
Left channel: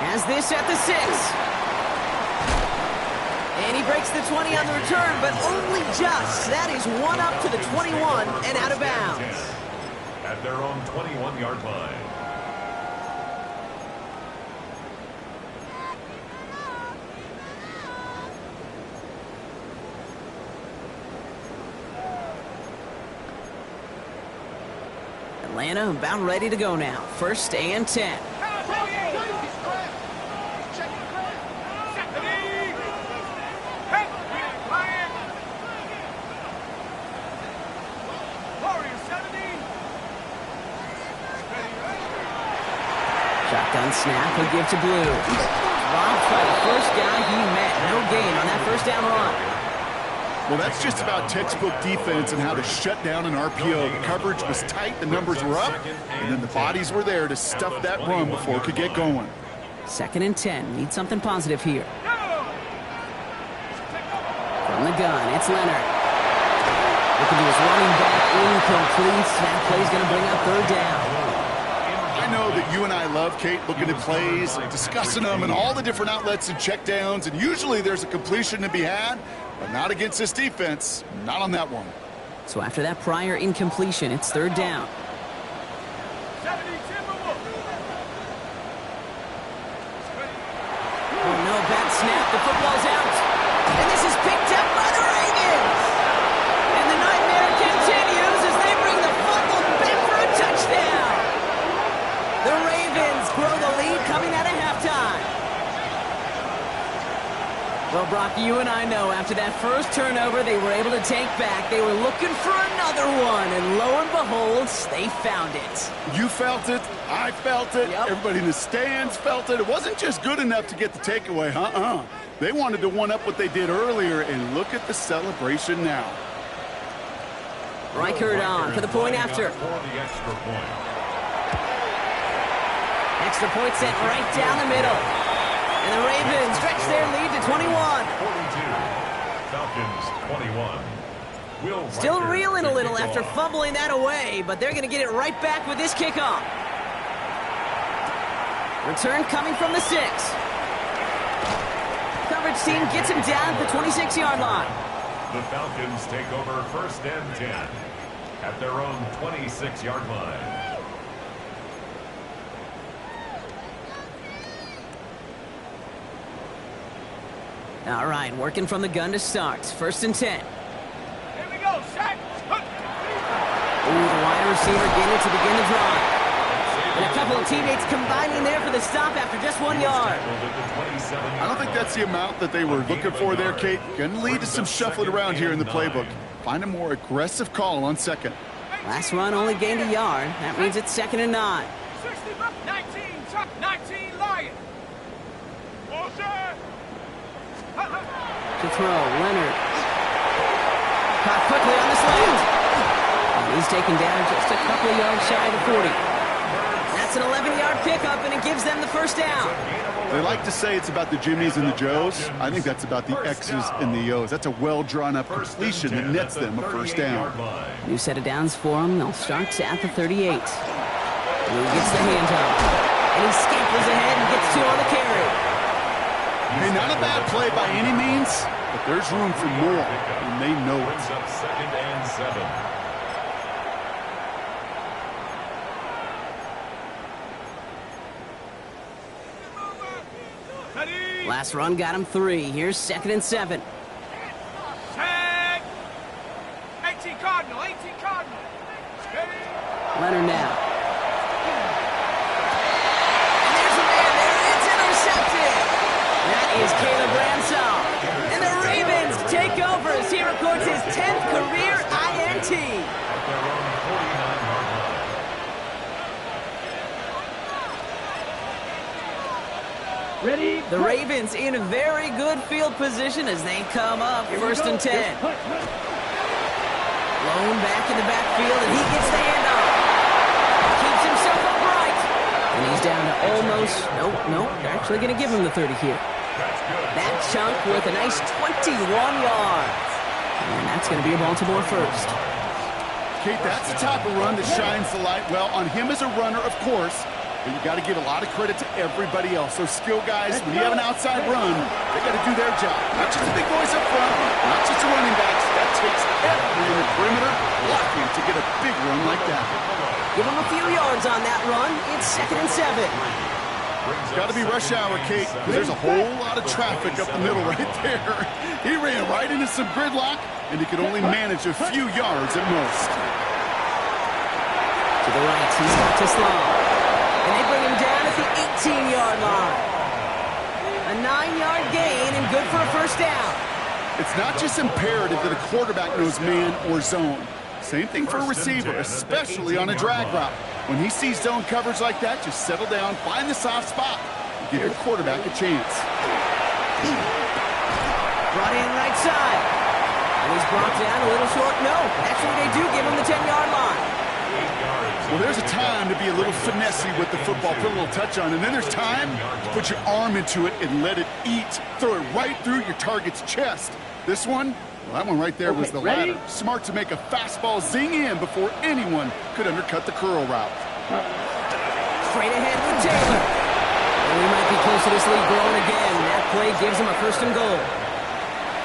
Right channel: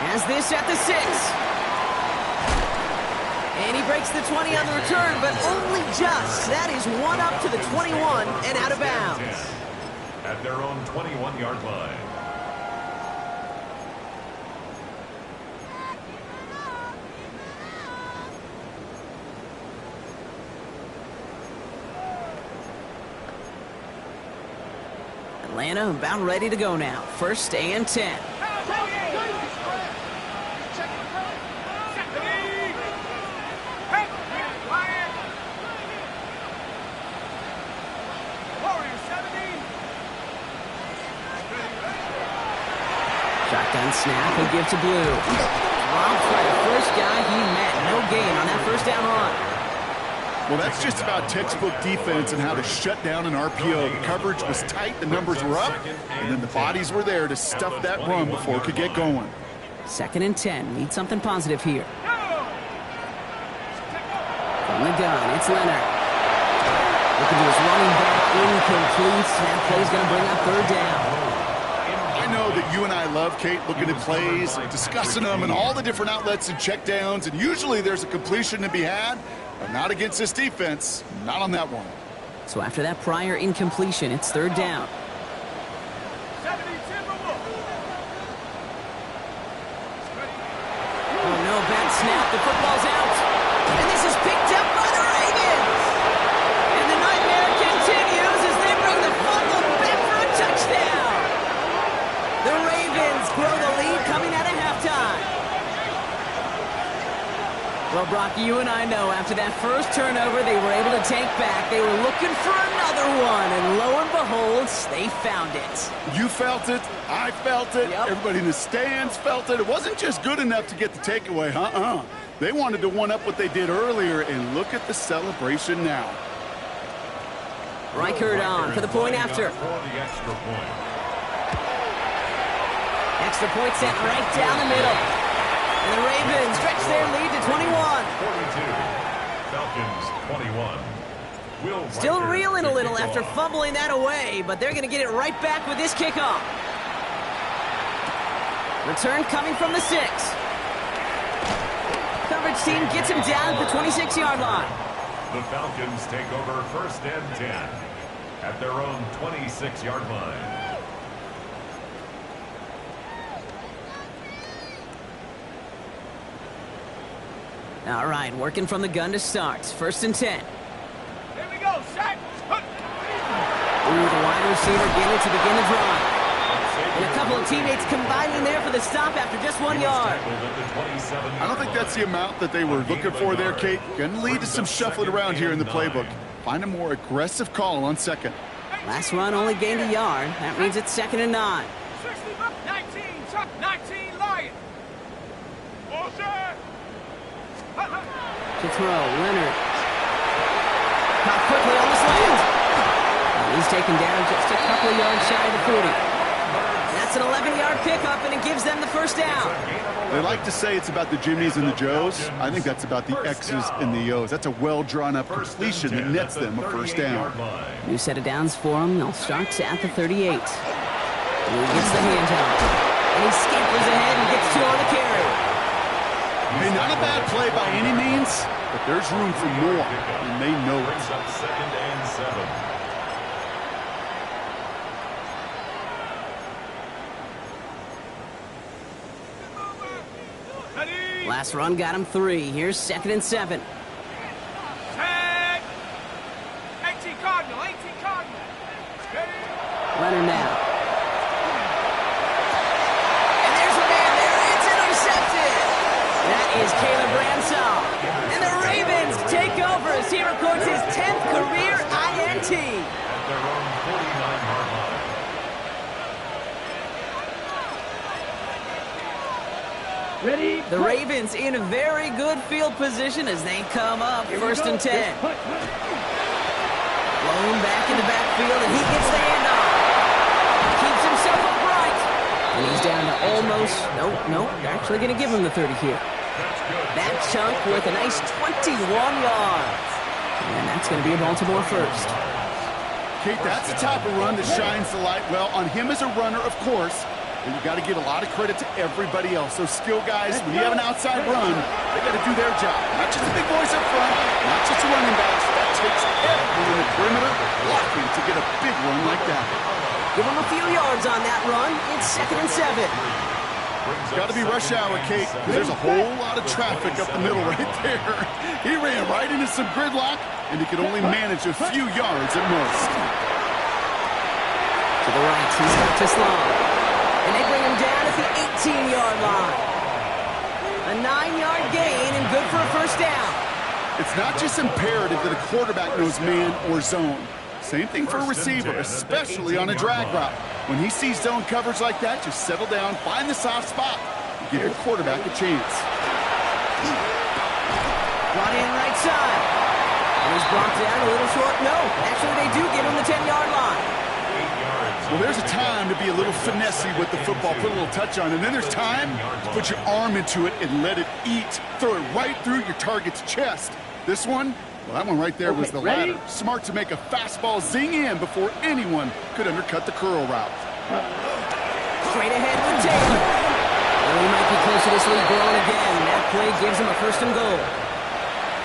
Has this at the 6. And he breaks the 20 on the return, but only just. That is one up to the 21 and out of bounds. At their own 21-yard line. Atlanta about ready to go now. 1st and 10. Shotgun snap, he'll give to Blue. Robbed by the first guy he met. No gain on that first down run. Well, that's just about textbook defense and how to shut down an RPO. The coverage was tight, the numbers were up, and then the bodies were there to stuff that run before it could get going. 2nd and 10. Need something positive here. From the gun, it's Leonard. Looking to his running back, incomplete. That play's going to bring up 3rd down. I know that you and I love, Kate, looking at plays, discussing them and all the different outlets and checkdowns, and usually there's a completion to be had, but not against this defense, not on that one. So after that prior incompletion, it's 3rd down. Oh no, bad snap, the football's out. And this is picked up by the Ravens. And the nightmare continues as they bring the fumble back for a touchdown. The Ravens grow the lead coming out of halftime. Well, Brock, you and I know after that first turnover they were able to take back. They were looking for another one, and lo and behold, they found it. You felt it. I felt it. Yep. Everybody in the stands felt it. It wasn't just good enough to get the takeaway. They wanted to one-up what they did earlier, and look at the celebration now. Reichard on for the point after. For the extra point. Extra point sent right down the middle. And the Ravens stretch their lead to 21. 42. Falcons 21. Will Still Reichard reeling a to little kick after off. fumbling that away, but they're going to get it right back with this kickoff. Return coming from the 6. Coverage team gets him down at the 26-yard line. The Falcons take over 1st and 10 at their own 26-yard line. All right, working from the gun to start. 1st and 10. Here we go, Shaq. Ooh, the wide receiver getting it to begin the drive. And a couple of teammates combining there for the stop after just 1 yard. I don't think that's the amount that they were looking for there, Kate. Going to lead to some shuffling around here in the playbook. Find a more aggressive call on 2nd. Last run only gained a yard. That means it's 2nd and 9. 19, Chuck, 19, Lion. To throw, Leonard. Caught quickly on the slant. And he's taken down just a couple of yards shy of the 40. That's an 11-yard pickup, and it gives them the first down. They like to say it's about the Jimmies and the Joes. I think that's about the X's and the O's. That's a well-drawn-up completion that nets them a first down. New set of downs for them. They'll start at the 38. Blue gets the handoff. And he scampers ahead and gets 2 on the carry. Hey, not a bad play by any means, but there's room for more, and they know it. Brings up 2nd and 7. Last run got him 3. Here's 2nd and 7. Tag. 18 Cardinal, 18 Cardinal. Leonard now. And there's a man there. It's intercepted. That is Caleb Bransall. And the Ravens take over as he records his 10th career INT. At their own 49-yard line. Ready? The Ravens in a very good field position as they come up. 1st and 10. Blown back in the backfield, and he gets the handoff. Keeps himself upright. And he's down to almost, nope, they're actually going to give him the 30 here. That chunk worth a nice 21 yards. And that's going to be a Baltimore first. Kate, that's the type of run that shines the light, well, on him as a runner, of course, but you got to give a lot of credit to everybody else. Those skill guys, when you have an outside run, they got to do their job. Not just the big boys up front, not just the running backs. That takes everyone in the perimeter blocking to get a big run like that. Give him a few yards on that run. It's 2nd and 7. Got to be rush hour, Kate, because there's a whole lot of traffic up the middle right there. He ran right into some gridlock, and he could only manage a few yards at most. To the right, he's got to slow. And they bring him down at the 18-yard line. A 9-yard gain and good for a first down. It's not just imperative that a quarterback knows man or zone. Same thing for a receiver, especially on a drag route. When he sees zone coverage like that, just settle down, find the soft spot, and give your quarterback a chance. Brought in right side. And he's brought down a little short. No, actually they do give him the 10-yard line. Well, there's a time to be a little finessey with the football, put a little touch on, and then there's time to put your arm into it and let it eat. Throw it right through your target's chest. This one, well, that one right there was the ladder. Smart to make a fastball zing in before anyone could undercut the curl route. Straight ahead with Taylor. And we might be close to this lead growing again. That play gives him a 1st and goal.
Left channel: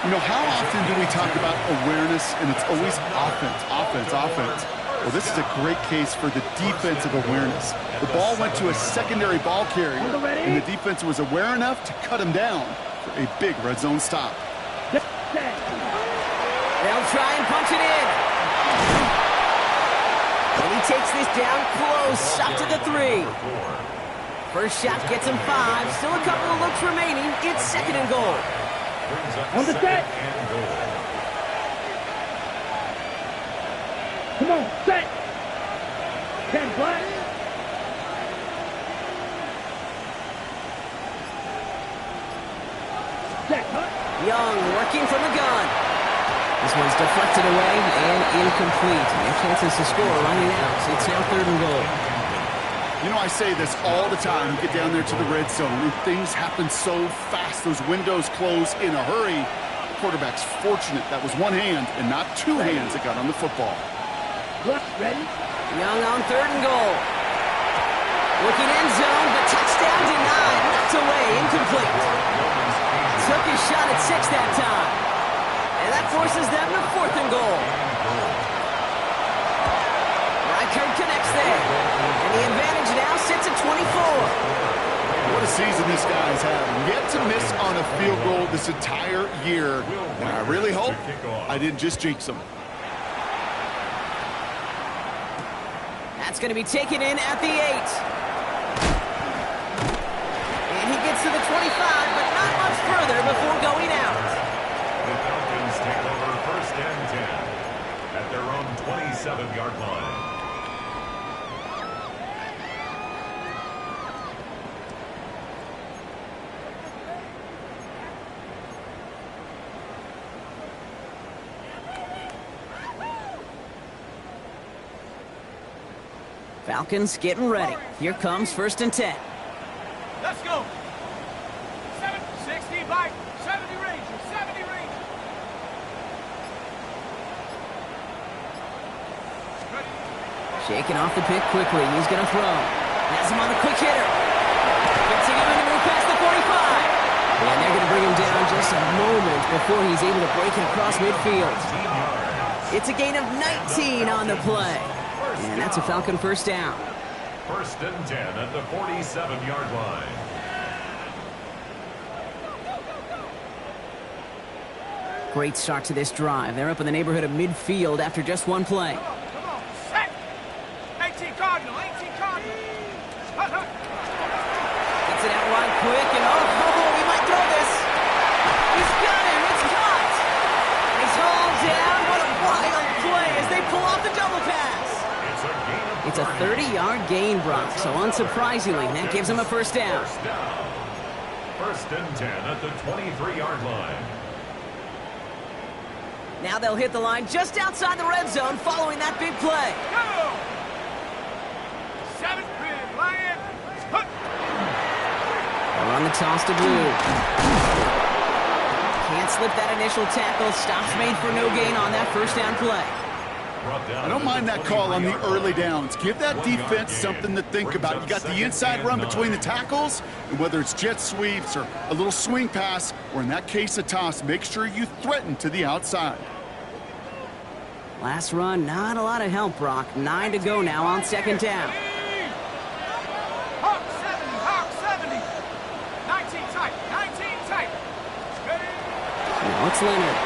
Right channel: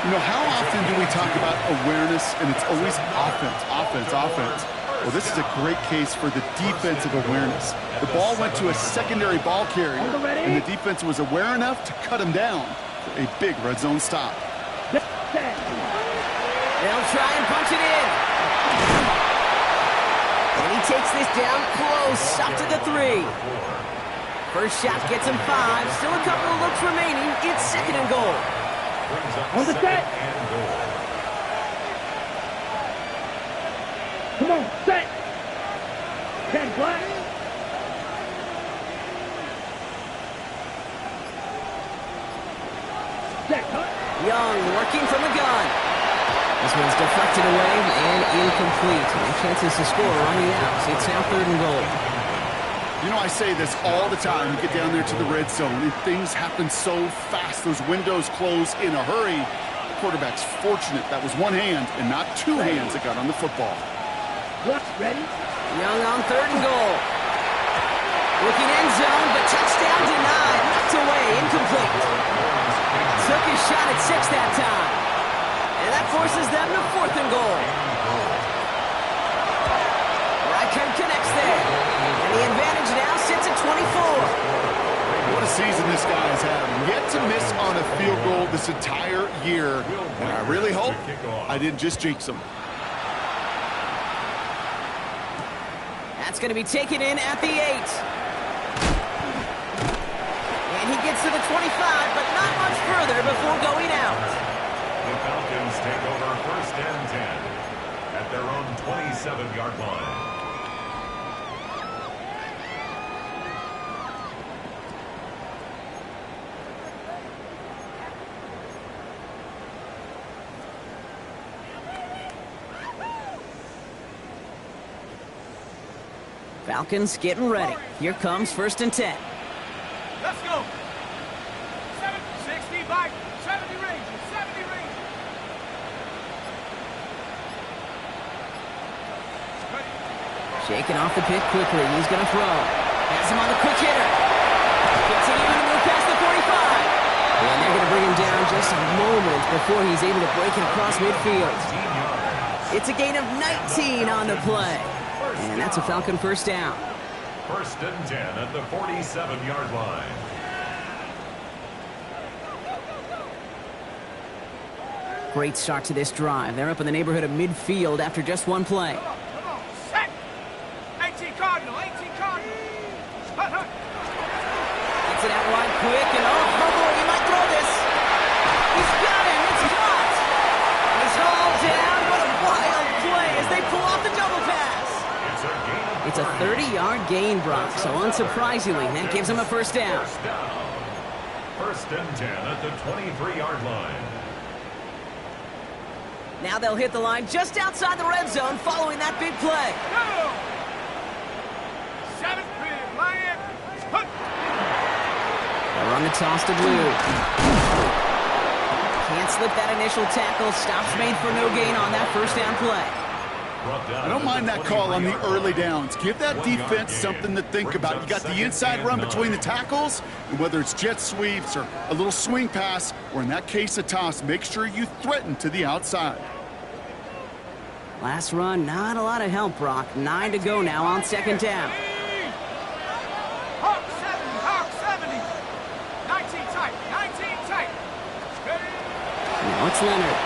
You know, how often do we talk about awareness, and it's always offense, offense, offense? Well, this is a great case for the defensive awareness. The ball went to a secondary ball carrier, and the defense was aware enough to cut him down for a big red zone stop. They'll try and punch it in. And he takes this down close, up to the 3. First shot gets him 5. Still a couple of looks remaining. It's 2nd and goal. On the set. Come on, set. 10 black. Set, cut. Young working from the gun. This one's deflected away and incomplete. No chances to score running out. It's now 3rd and goal. You know, I say this all the time. You get down there to the red zone, and things happen so fast. Those windows close in a hurry. The quarterback's fortunate that was one hand and not two hands that got on the football. Ready? Young on 3rd and goal. Looking end zone, but touchdown denied. Knocked away, incomplete. Took his shot at 6 that time. And that forces them to 4th and goal. Reichert connects there. And the advantage now sits at 24. What a season this guy's having. Yet to miss on a field goal this entire year. And I really hope I didn't just jinx him. That's going to be taken in at the 8. And he gets to the 25, but not much further before going out. The Falcons take over 1st and 10 at their own 27-yard line. Falcons getting ready. Here comes 1st and 10. Let's go. 60 by 70 Rangers. 70 Rangers. Ready. Shaking off the pick quickly. He's going to throw. Has him on the quick hitter. Continuing to move past the 45. And they're going to bring him down just a moment before he's able to break it across midfield. It's a gain of 19 on the play. And that's a Falcon 1st down. 1st and 10 at the 47-yard line. Great start to this drive. They're up in the neighborhood of midfield after just one play. Come on. Set. 18 Cardinal. 18 Cardinal. Hut, hut. Gets it out wide quick, and he might throw this. He's got him. It's caught. And he's hauled down. What a wild play as they pull off the double pass. It's a 30-yard gain, Brock, so unsurprisingly, that gives him a 1st down. 1st and 10 at the 23-yard line. Now they'll hit the line just outside the red zone following that big play. Go. 7 big lion. On the toss to Blue. Can't slip that initial tackle. Stops made for no gain on that first down play. I don't mind that call on the early downs. Give that defense something to think about. You got the inside run between the tackles, and whether it's jet sweeps or a little swing pass, or in that case a toss, make sure you threaten to the outside. Last run, not a lot of help, Brock. 9 to go now on second down. Hawk 70, Hawk 70. 19 tight, 19 tight. Ready? Now it's Leonard.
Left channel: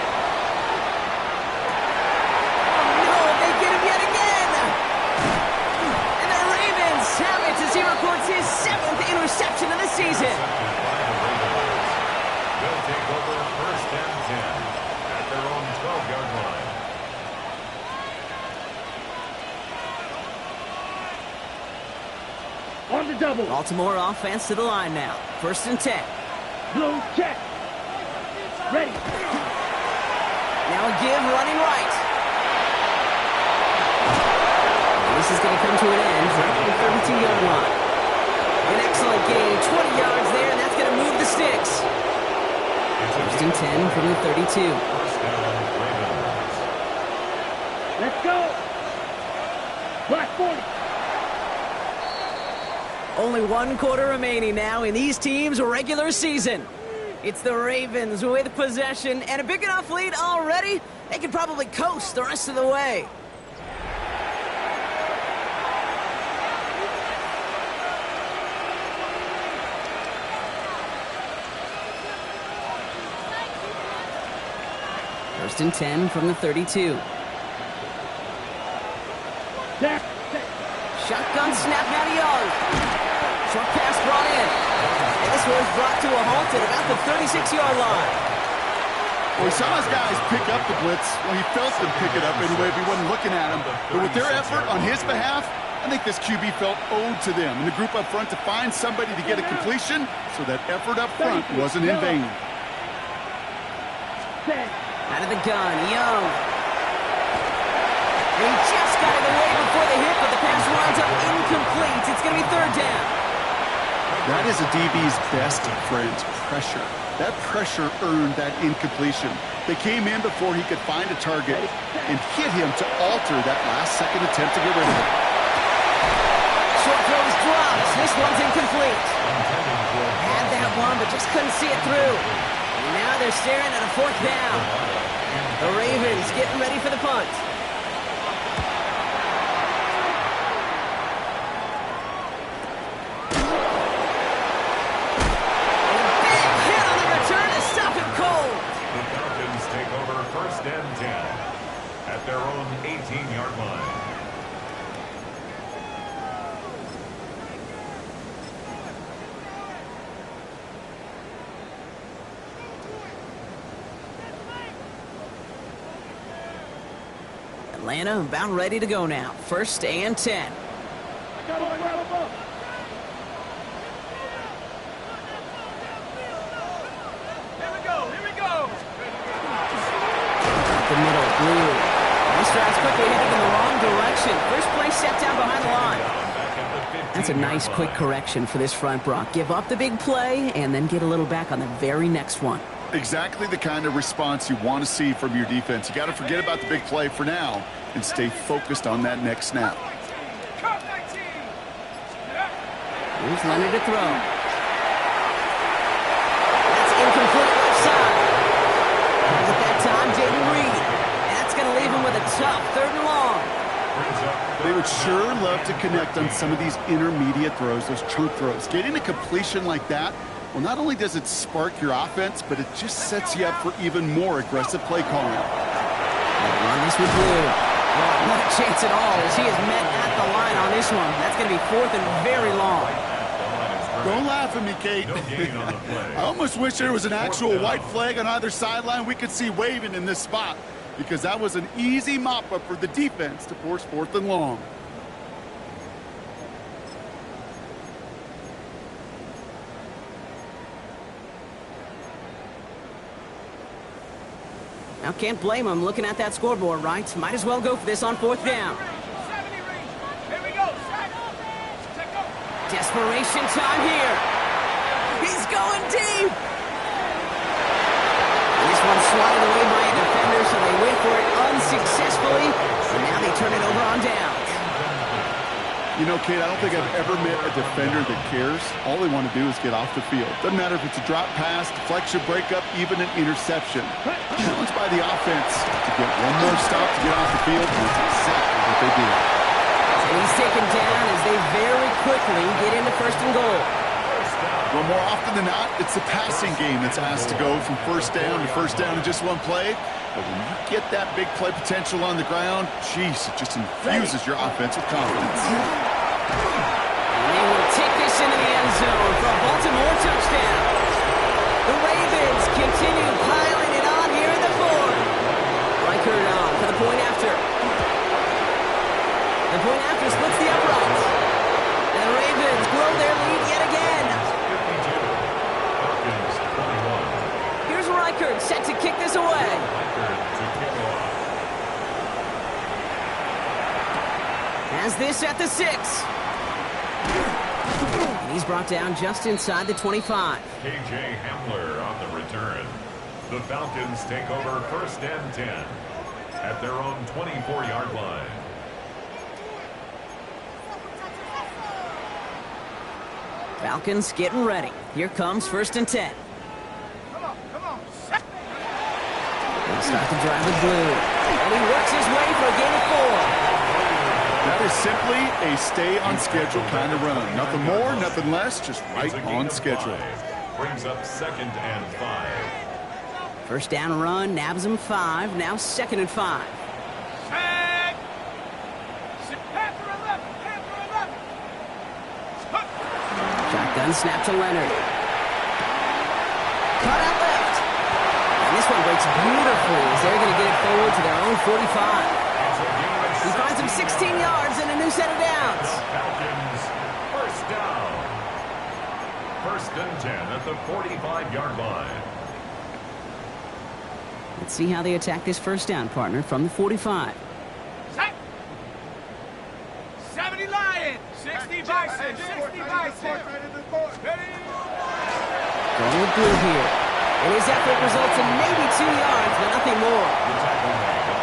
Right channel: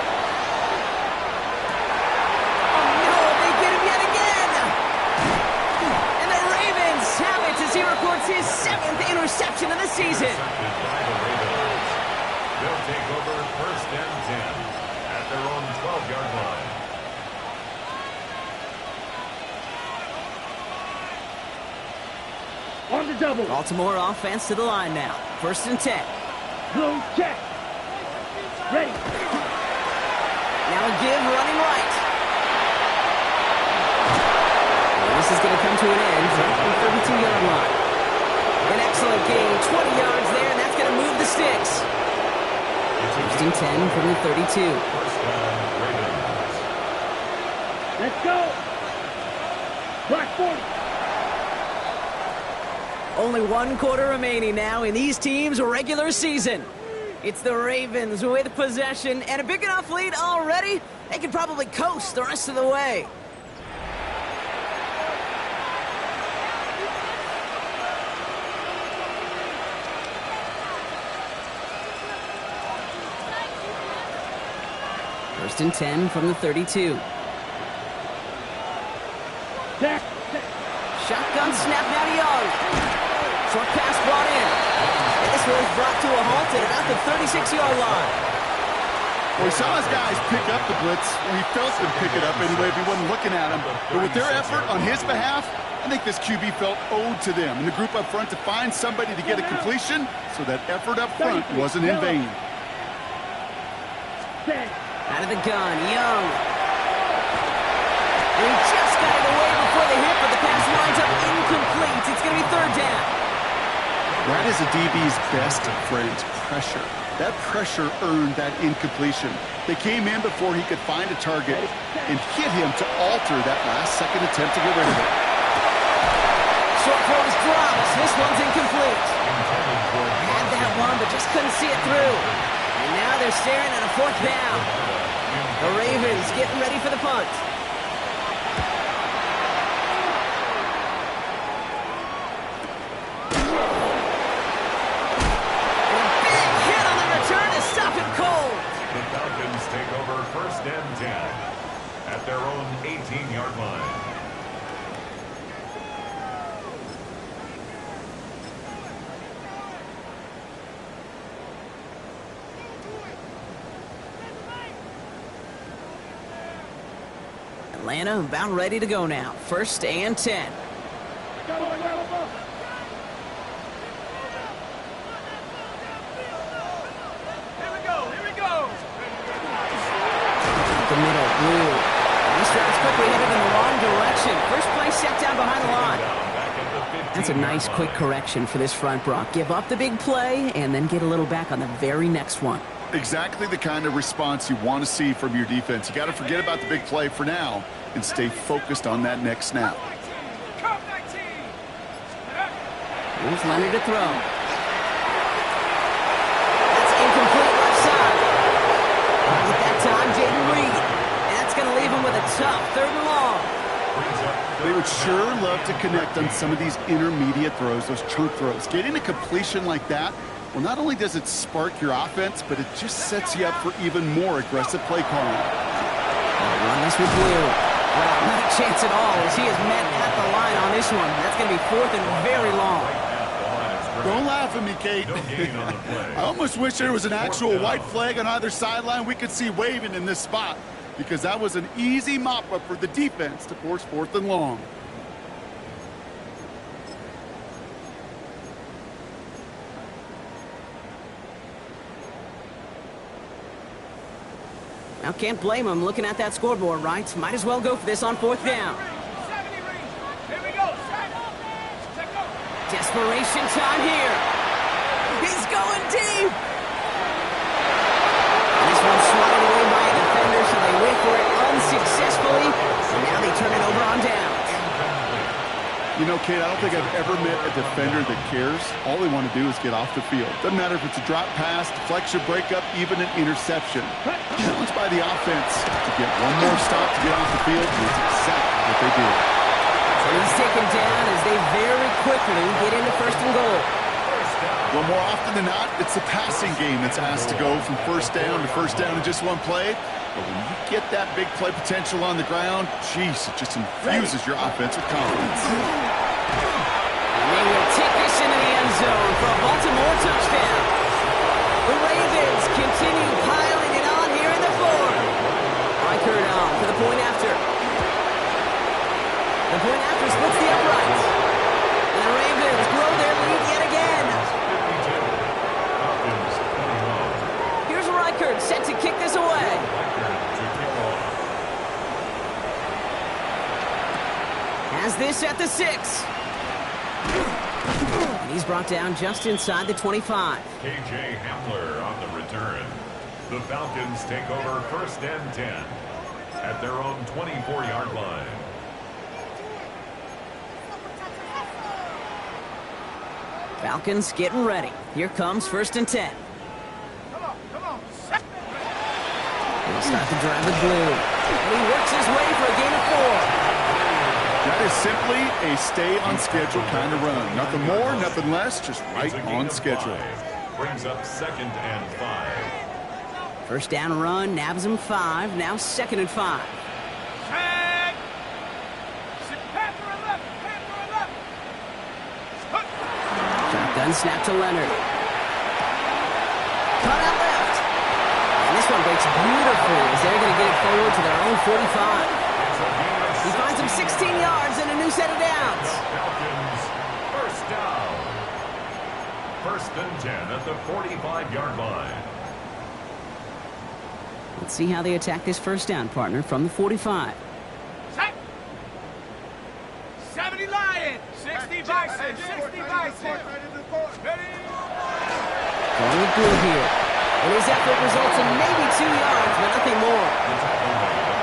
Oh no, they get him yet again! And the Ravens have it as he records his 7th interception of the season. Intercepted by the Ravens. They'll take over first and 10 at their own 12-yard line. On the double. Baltimore offense to the line now. First and 10. Blue check. Ready. Now a give running right. And this is going to come to an end right at the 32-yard line. An excellent gain, 20 yards there, and that's going to move the sticks. First and 10 from the 32. First down, Ravens. Let's go. Black 40. Only 1 quarter remaining now in these teams' regular season. It's the Ravens with possession and a big enough lead already. They can probably coast the rest of the way. First and 10 from the 32. Back. Shotgun snap now to Young. Short pass brought in. And this was brought to a halt at about the 36-yard line. Well, he saw his guys pick up the blitz. Well, he felt them pick it up anyway if he wasn't looking at him. But with their effort on his behalf, I think this QB felt owed to them and the group up front to find somebody to get a completion, so that effort up front wasn't in vain. Out of the gun, Young. And he just got it away before the hit, but the pass winds up incomplete. It's going to be third down. That is a DB's best friend, pressure. That pressure earned that incompletion. They came in before he could find a target and hit him to alter that last-second attempt to get rid of it. Short throw is dropped. This one's incomplete. Had that one, but just couldn't see it through. And now they're staring at a fourth down. The Ravens getting ready for the punt. The Falcons take over first and 10 at their own 18-yard line. Atlanta about ready to go now. First and 10. The middle, Blue. This drive's quickly headed in the wrong direction. First play set down behind the line. That's a nice quick correction for this front, Brock. Give up the big play and then get a little back on the very next one. Exactly the kind of response you want to see from your defense. You got to forget about the big play for now and stay focused on that next snap. Here's Leonard to throw. That's incomplete left side. At that time, Jaden Reed. And that's going to leave him with a tough third and long. They would sure love to connect on some of these intermediate throws, those chunk throws. Getting a completion like that, well, not only does it spark your offense, but it just sets you up for even more aggressive play calling. They'll run this with Blue. Wow, not a chance at all as he is met at the line on this one. That's going to be fourth and very long. Don't laugh at me, Kate. I almost wish there was an actual white flag on either sideline we could see waving in this spot, because that was an easy mop-up for the defense to force fourth and long. Now, can't blame him looking at that scoreboard, right? Might as well go for this on fourth down. Here we go. Desperation time here. He's going swatted away by a defender, so they went for it unsuccessfully, and now they turn it over on downs. You know, Kate, I don't think I've ever met a defender that cares. All they want to do is get off the field. Doesn't matter if it's a drop pass, deflection, breakup, even an interception. Challenged by the offense to get one more stop to get off the field, and that's exactly what they did. And he's taken down as they very quickly get into 1st and goal. Well, more often than not, it's the passing game that's asked to go from 1st down to 1st down in just one play. But when you get that big play potential on the ground, geez, it just infuses your offense with confidence. And they will take this into the end zone for a Baltimore touchdown. The Ravens continue piling it on here in the 4th. Reichert on for the point after. The point after splits the uprights. And the Ravens grow their lead yet again. 52. Falcons 21. Here's Reichert set to kick this away. Reichert to kick off. Has this at the 6. And he's brought down just inside the 25. KJ Hamler on the return. The Falcons take over 1st and 10 at their own 24-yard line. Falcons getting ready. Here comes 1st and 10. Come on. They'll start the drive with Blue. And he works his way for a gain of 4. That is simply a stay-on-schedule kind of run. Nothing more, nothing less, just right on schedule. Brings up 2nd and 5. 1st down run, nabs him 5. Now 2nd and 5. Set. Panther 11. Shotgun snap to Leonard. Cut out left. And this one breaks beautifully as they're going to get it forward to their own 45. He finds him 16 yards and a new set of downs. Falcons 1st down. 1st and 10 at the 45-yard line. Let's see how they attack this 1st down, partner, from the 45. Set. 70 Lions. 60 Bison. 60 Bison. Ready. Going with Blue here. And his effort results in maybe 2 yards, but nothing more.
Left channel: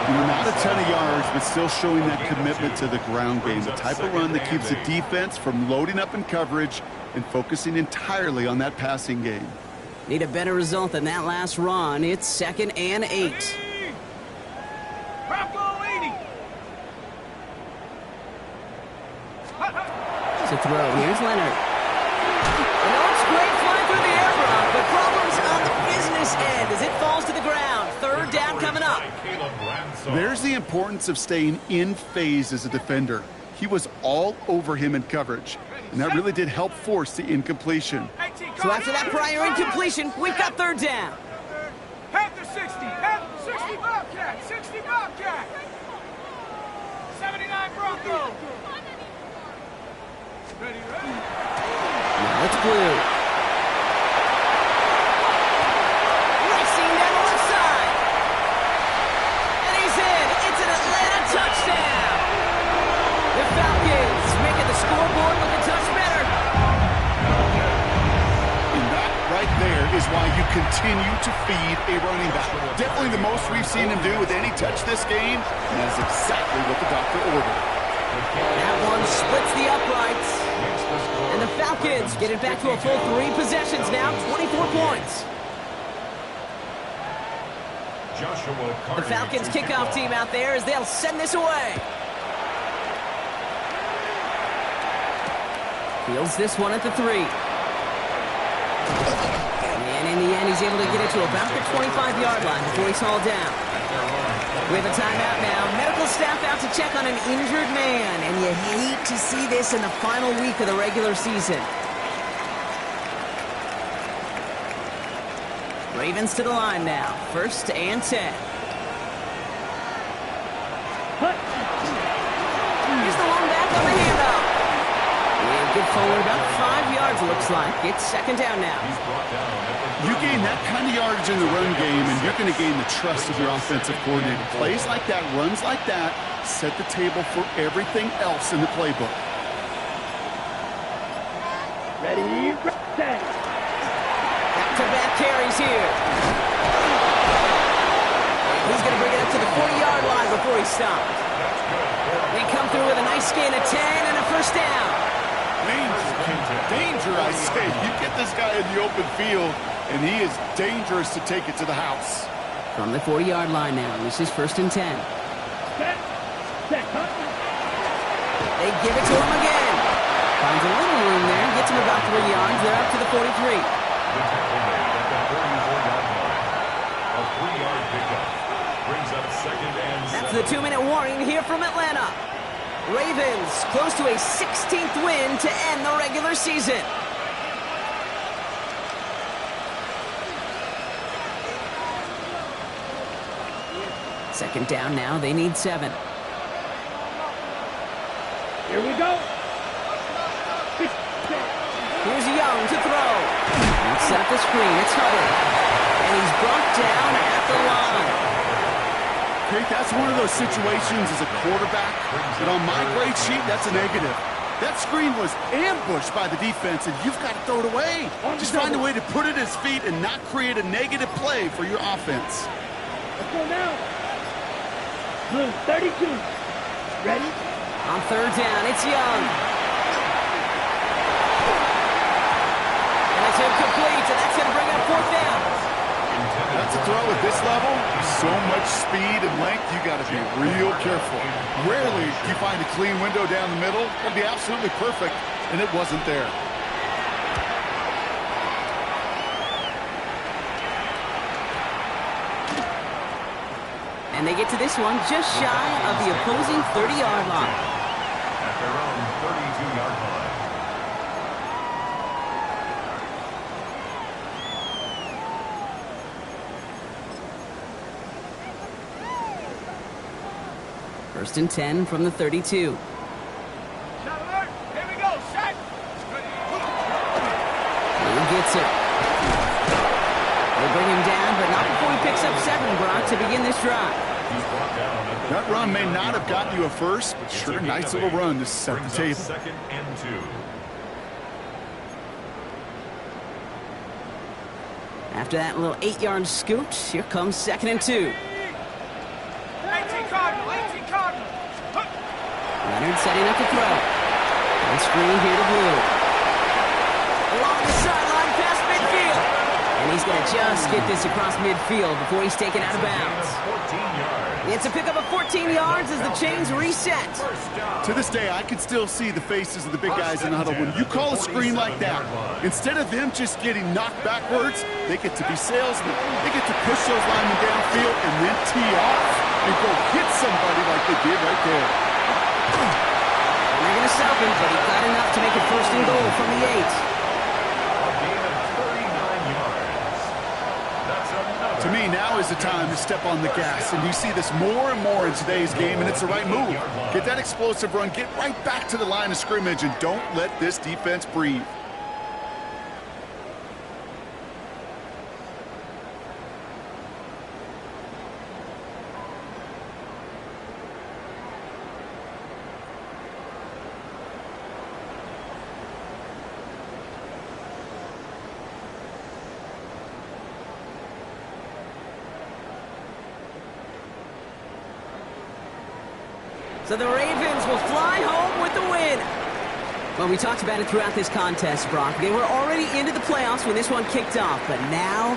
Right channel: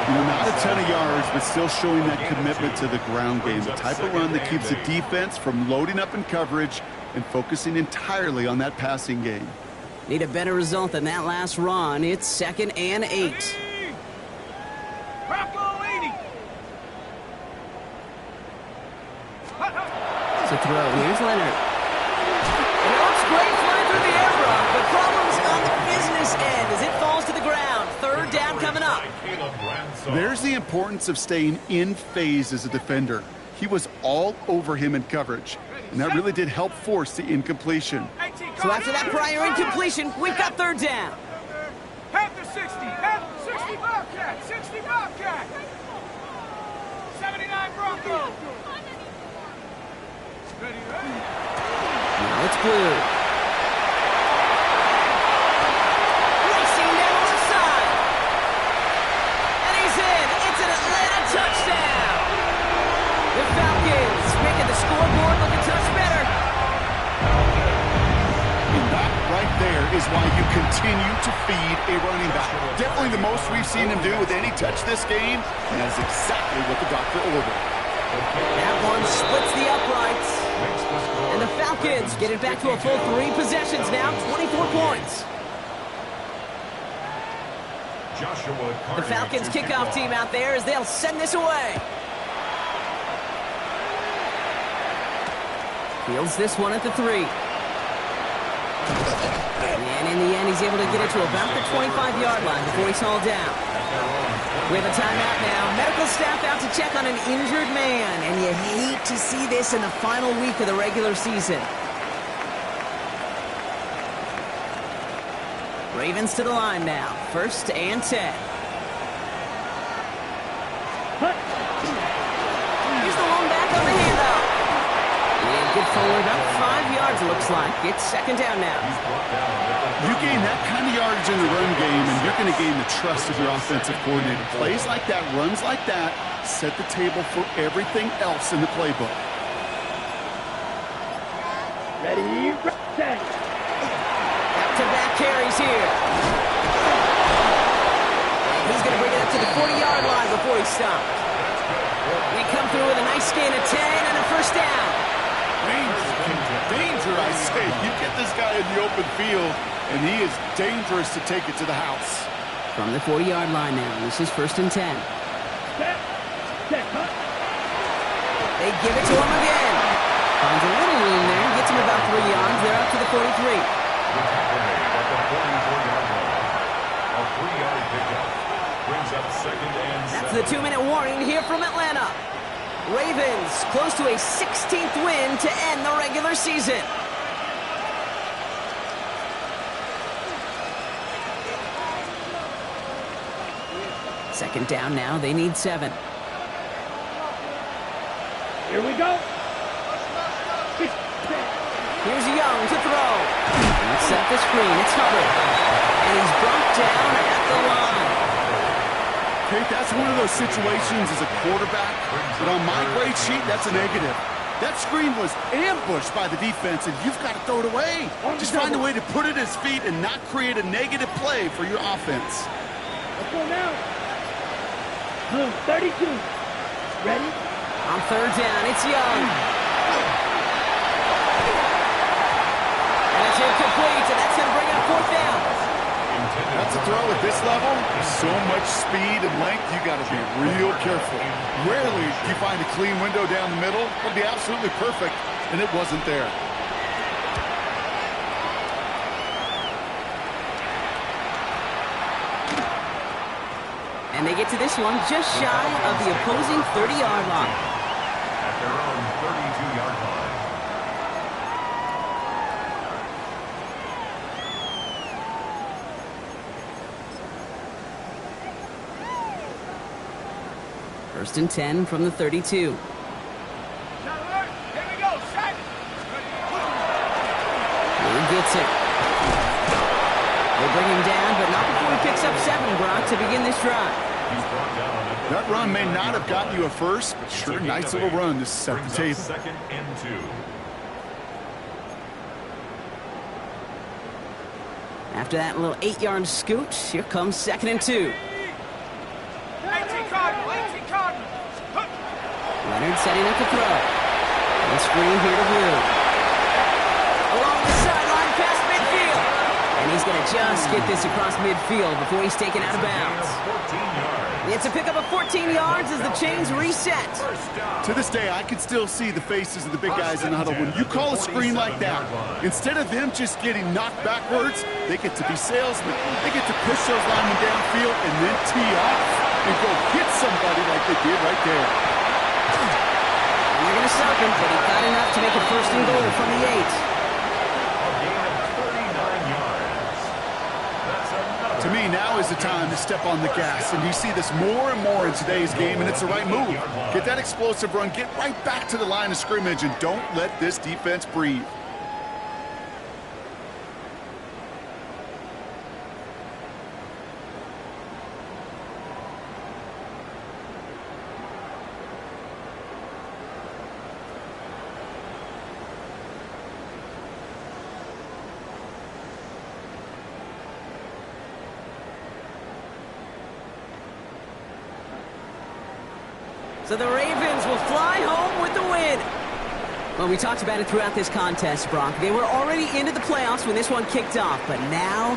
You know, not a ton of yards, but still showing that commitment to the ground game. The type of run that keeps the defense from loading up in coverage and focusing entirely on that passing game. Need a better result than that last run. It's 2nd and 8. Bronco 80. To throw. Here's Leonard. And it looks great flying through the air, Brock, but problems on the business end as it falls to the ground. 3rd down coming up. There's the importance of staying in phase as a defender. He was all over him in coverage, and that really did help force the incompletion. So after that prior incompletion, we've got 3rd down. Panther 60. Panther 60 Bobcat. 60 Bobcat. 79 Bronco. Ready. Now it's Blue. Racing down the left side. And he's in. It's an Atlanta touchdown. The Falcons making the scoreboard look a touch better. And that right there is why you continue to feed a running back. Definitely the most we've seen him do with any touch this game, and that is exactly what the doctor ordered. That one splits the uprights. And the Falcons get it back to a full 3 possessions now, 24 points. The Falcons kickoff team out there as they'll send this away. Fields this one at the 3. And in the end, he's able to get it to about the 25-yard line before he's hauled down. We have a timeout now. Medical staff out to check on an injured man, and you hate to see this in the final week of the regular season. Ravens to the line now. 1st and 10. Here's the one back on the handoff. And good forward, about 5 yards, looks like. It's 2nd down now. You gain that kind of yardage in the run game, and you're going to gain the trust of your offensive coordinator. Plays like that, runs like that, set the table for everything else in the playbook. Ready, set. Back-to-back carries here. going to bring it up to the 40-yard line before he stops. They come through with a nice gain of 10 and a first down. Danger, I say. You get this guy in the open field, and he is dangerous to take it to the house. From the 40-yard line now, this is 1st and 10. Set, cut. They give it to him again. Finds a little room there, gets him about 3 yards. They're up to the 43. The tackle made at the 44-yard line. A 3-yard pickup brings up 2nd and 7. That's the 2-minute warning here from Atlanta. Ravens close to a 16th win to end the regular season. Second down now, they need 7. Here we go. Here's Young to throw. Let's set up the screen. It's Hubbard. And he's brought down at the line. Kate, that's one of those situations as a quarterback that on my grade sheet, that's a negative. That screen was ambushed by the defense, and you've got to throw it away. Just find a way to put it at his feet and not create a negative play for your offense. Let's go now. Blue, 32. Ready? On 3rd down, it's Young. And it's incomplete, and that's going to bring up 4th down. That's a throw at this level. So much speed and length, you got to be real careful. Rarely do you find a clean window down the middle. It'll be absolutely perfect, and it wasn't there. And they get to this one just shy of the opposing 30-yard line. At their own 32-yard line. First and 10 from the 32. Shot alert. Here we go. Shot. Blue gets it. They bring him down, but not before he picks up 7, Brock, to begin this drive. He's brought down at the That run may not have gotten you a first, but sure, nice little run to set the table. 2nd and 2. After that little 8-yard scoot, here comes 2nd and 2. 18 Cardinal. 18 Cardinal. Leonard setting up to throw. And screen here to Blue. Along the sideline past midfield. And he's going to just get this across midfield before he's taken out of bounds. 14 yards. It's a pickup of 14 yards as the chains reset. To this day, I can still see the faces of the big guys in the huddle. When you call a screen like that, instead of them just getting knocked backwards, they get to be salesmen. They get to push those linemen downfield and then tee off and go hit somebody like they did right there. And they're going to stop him, but he got enough to make it 1st and goal from the 8. A gain of 39 yards. That's another. To me, now is the time to step on the gas, and you see this more and more in today's game, and it's the right move. Get that explosive run, get right back to the line of scrimmage, and don't let this defense breathe. So the Ravens will fly home with the win. Well, we talked about it throughout this contest, Brock. They were already into the playoffs when this one kicked off, but now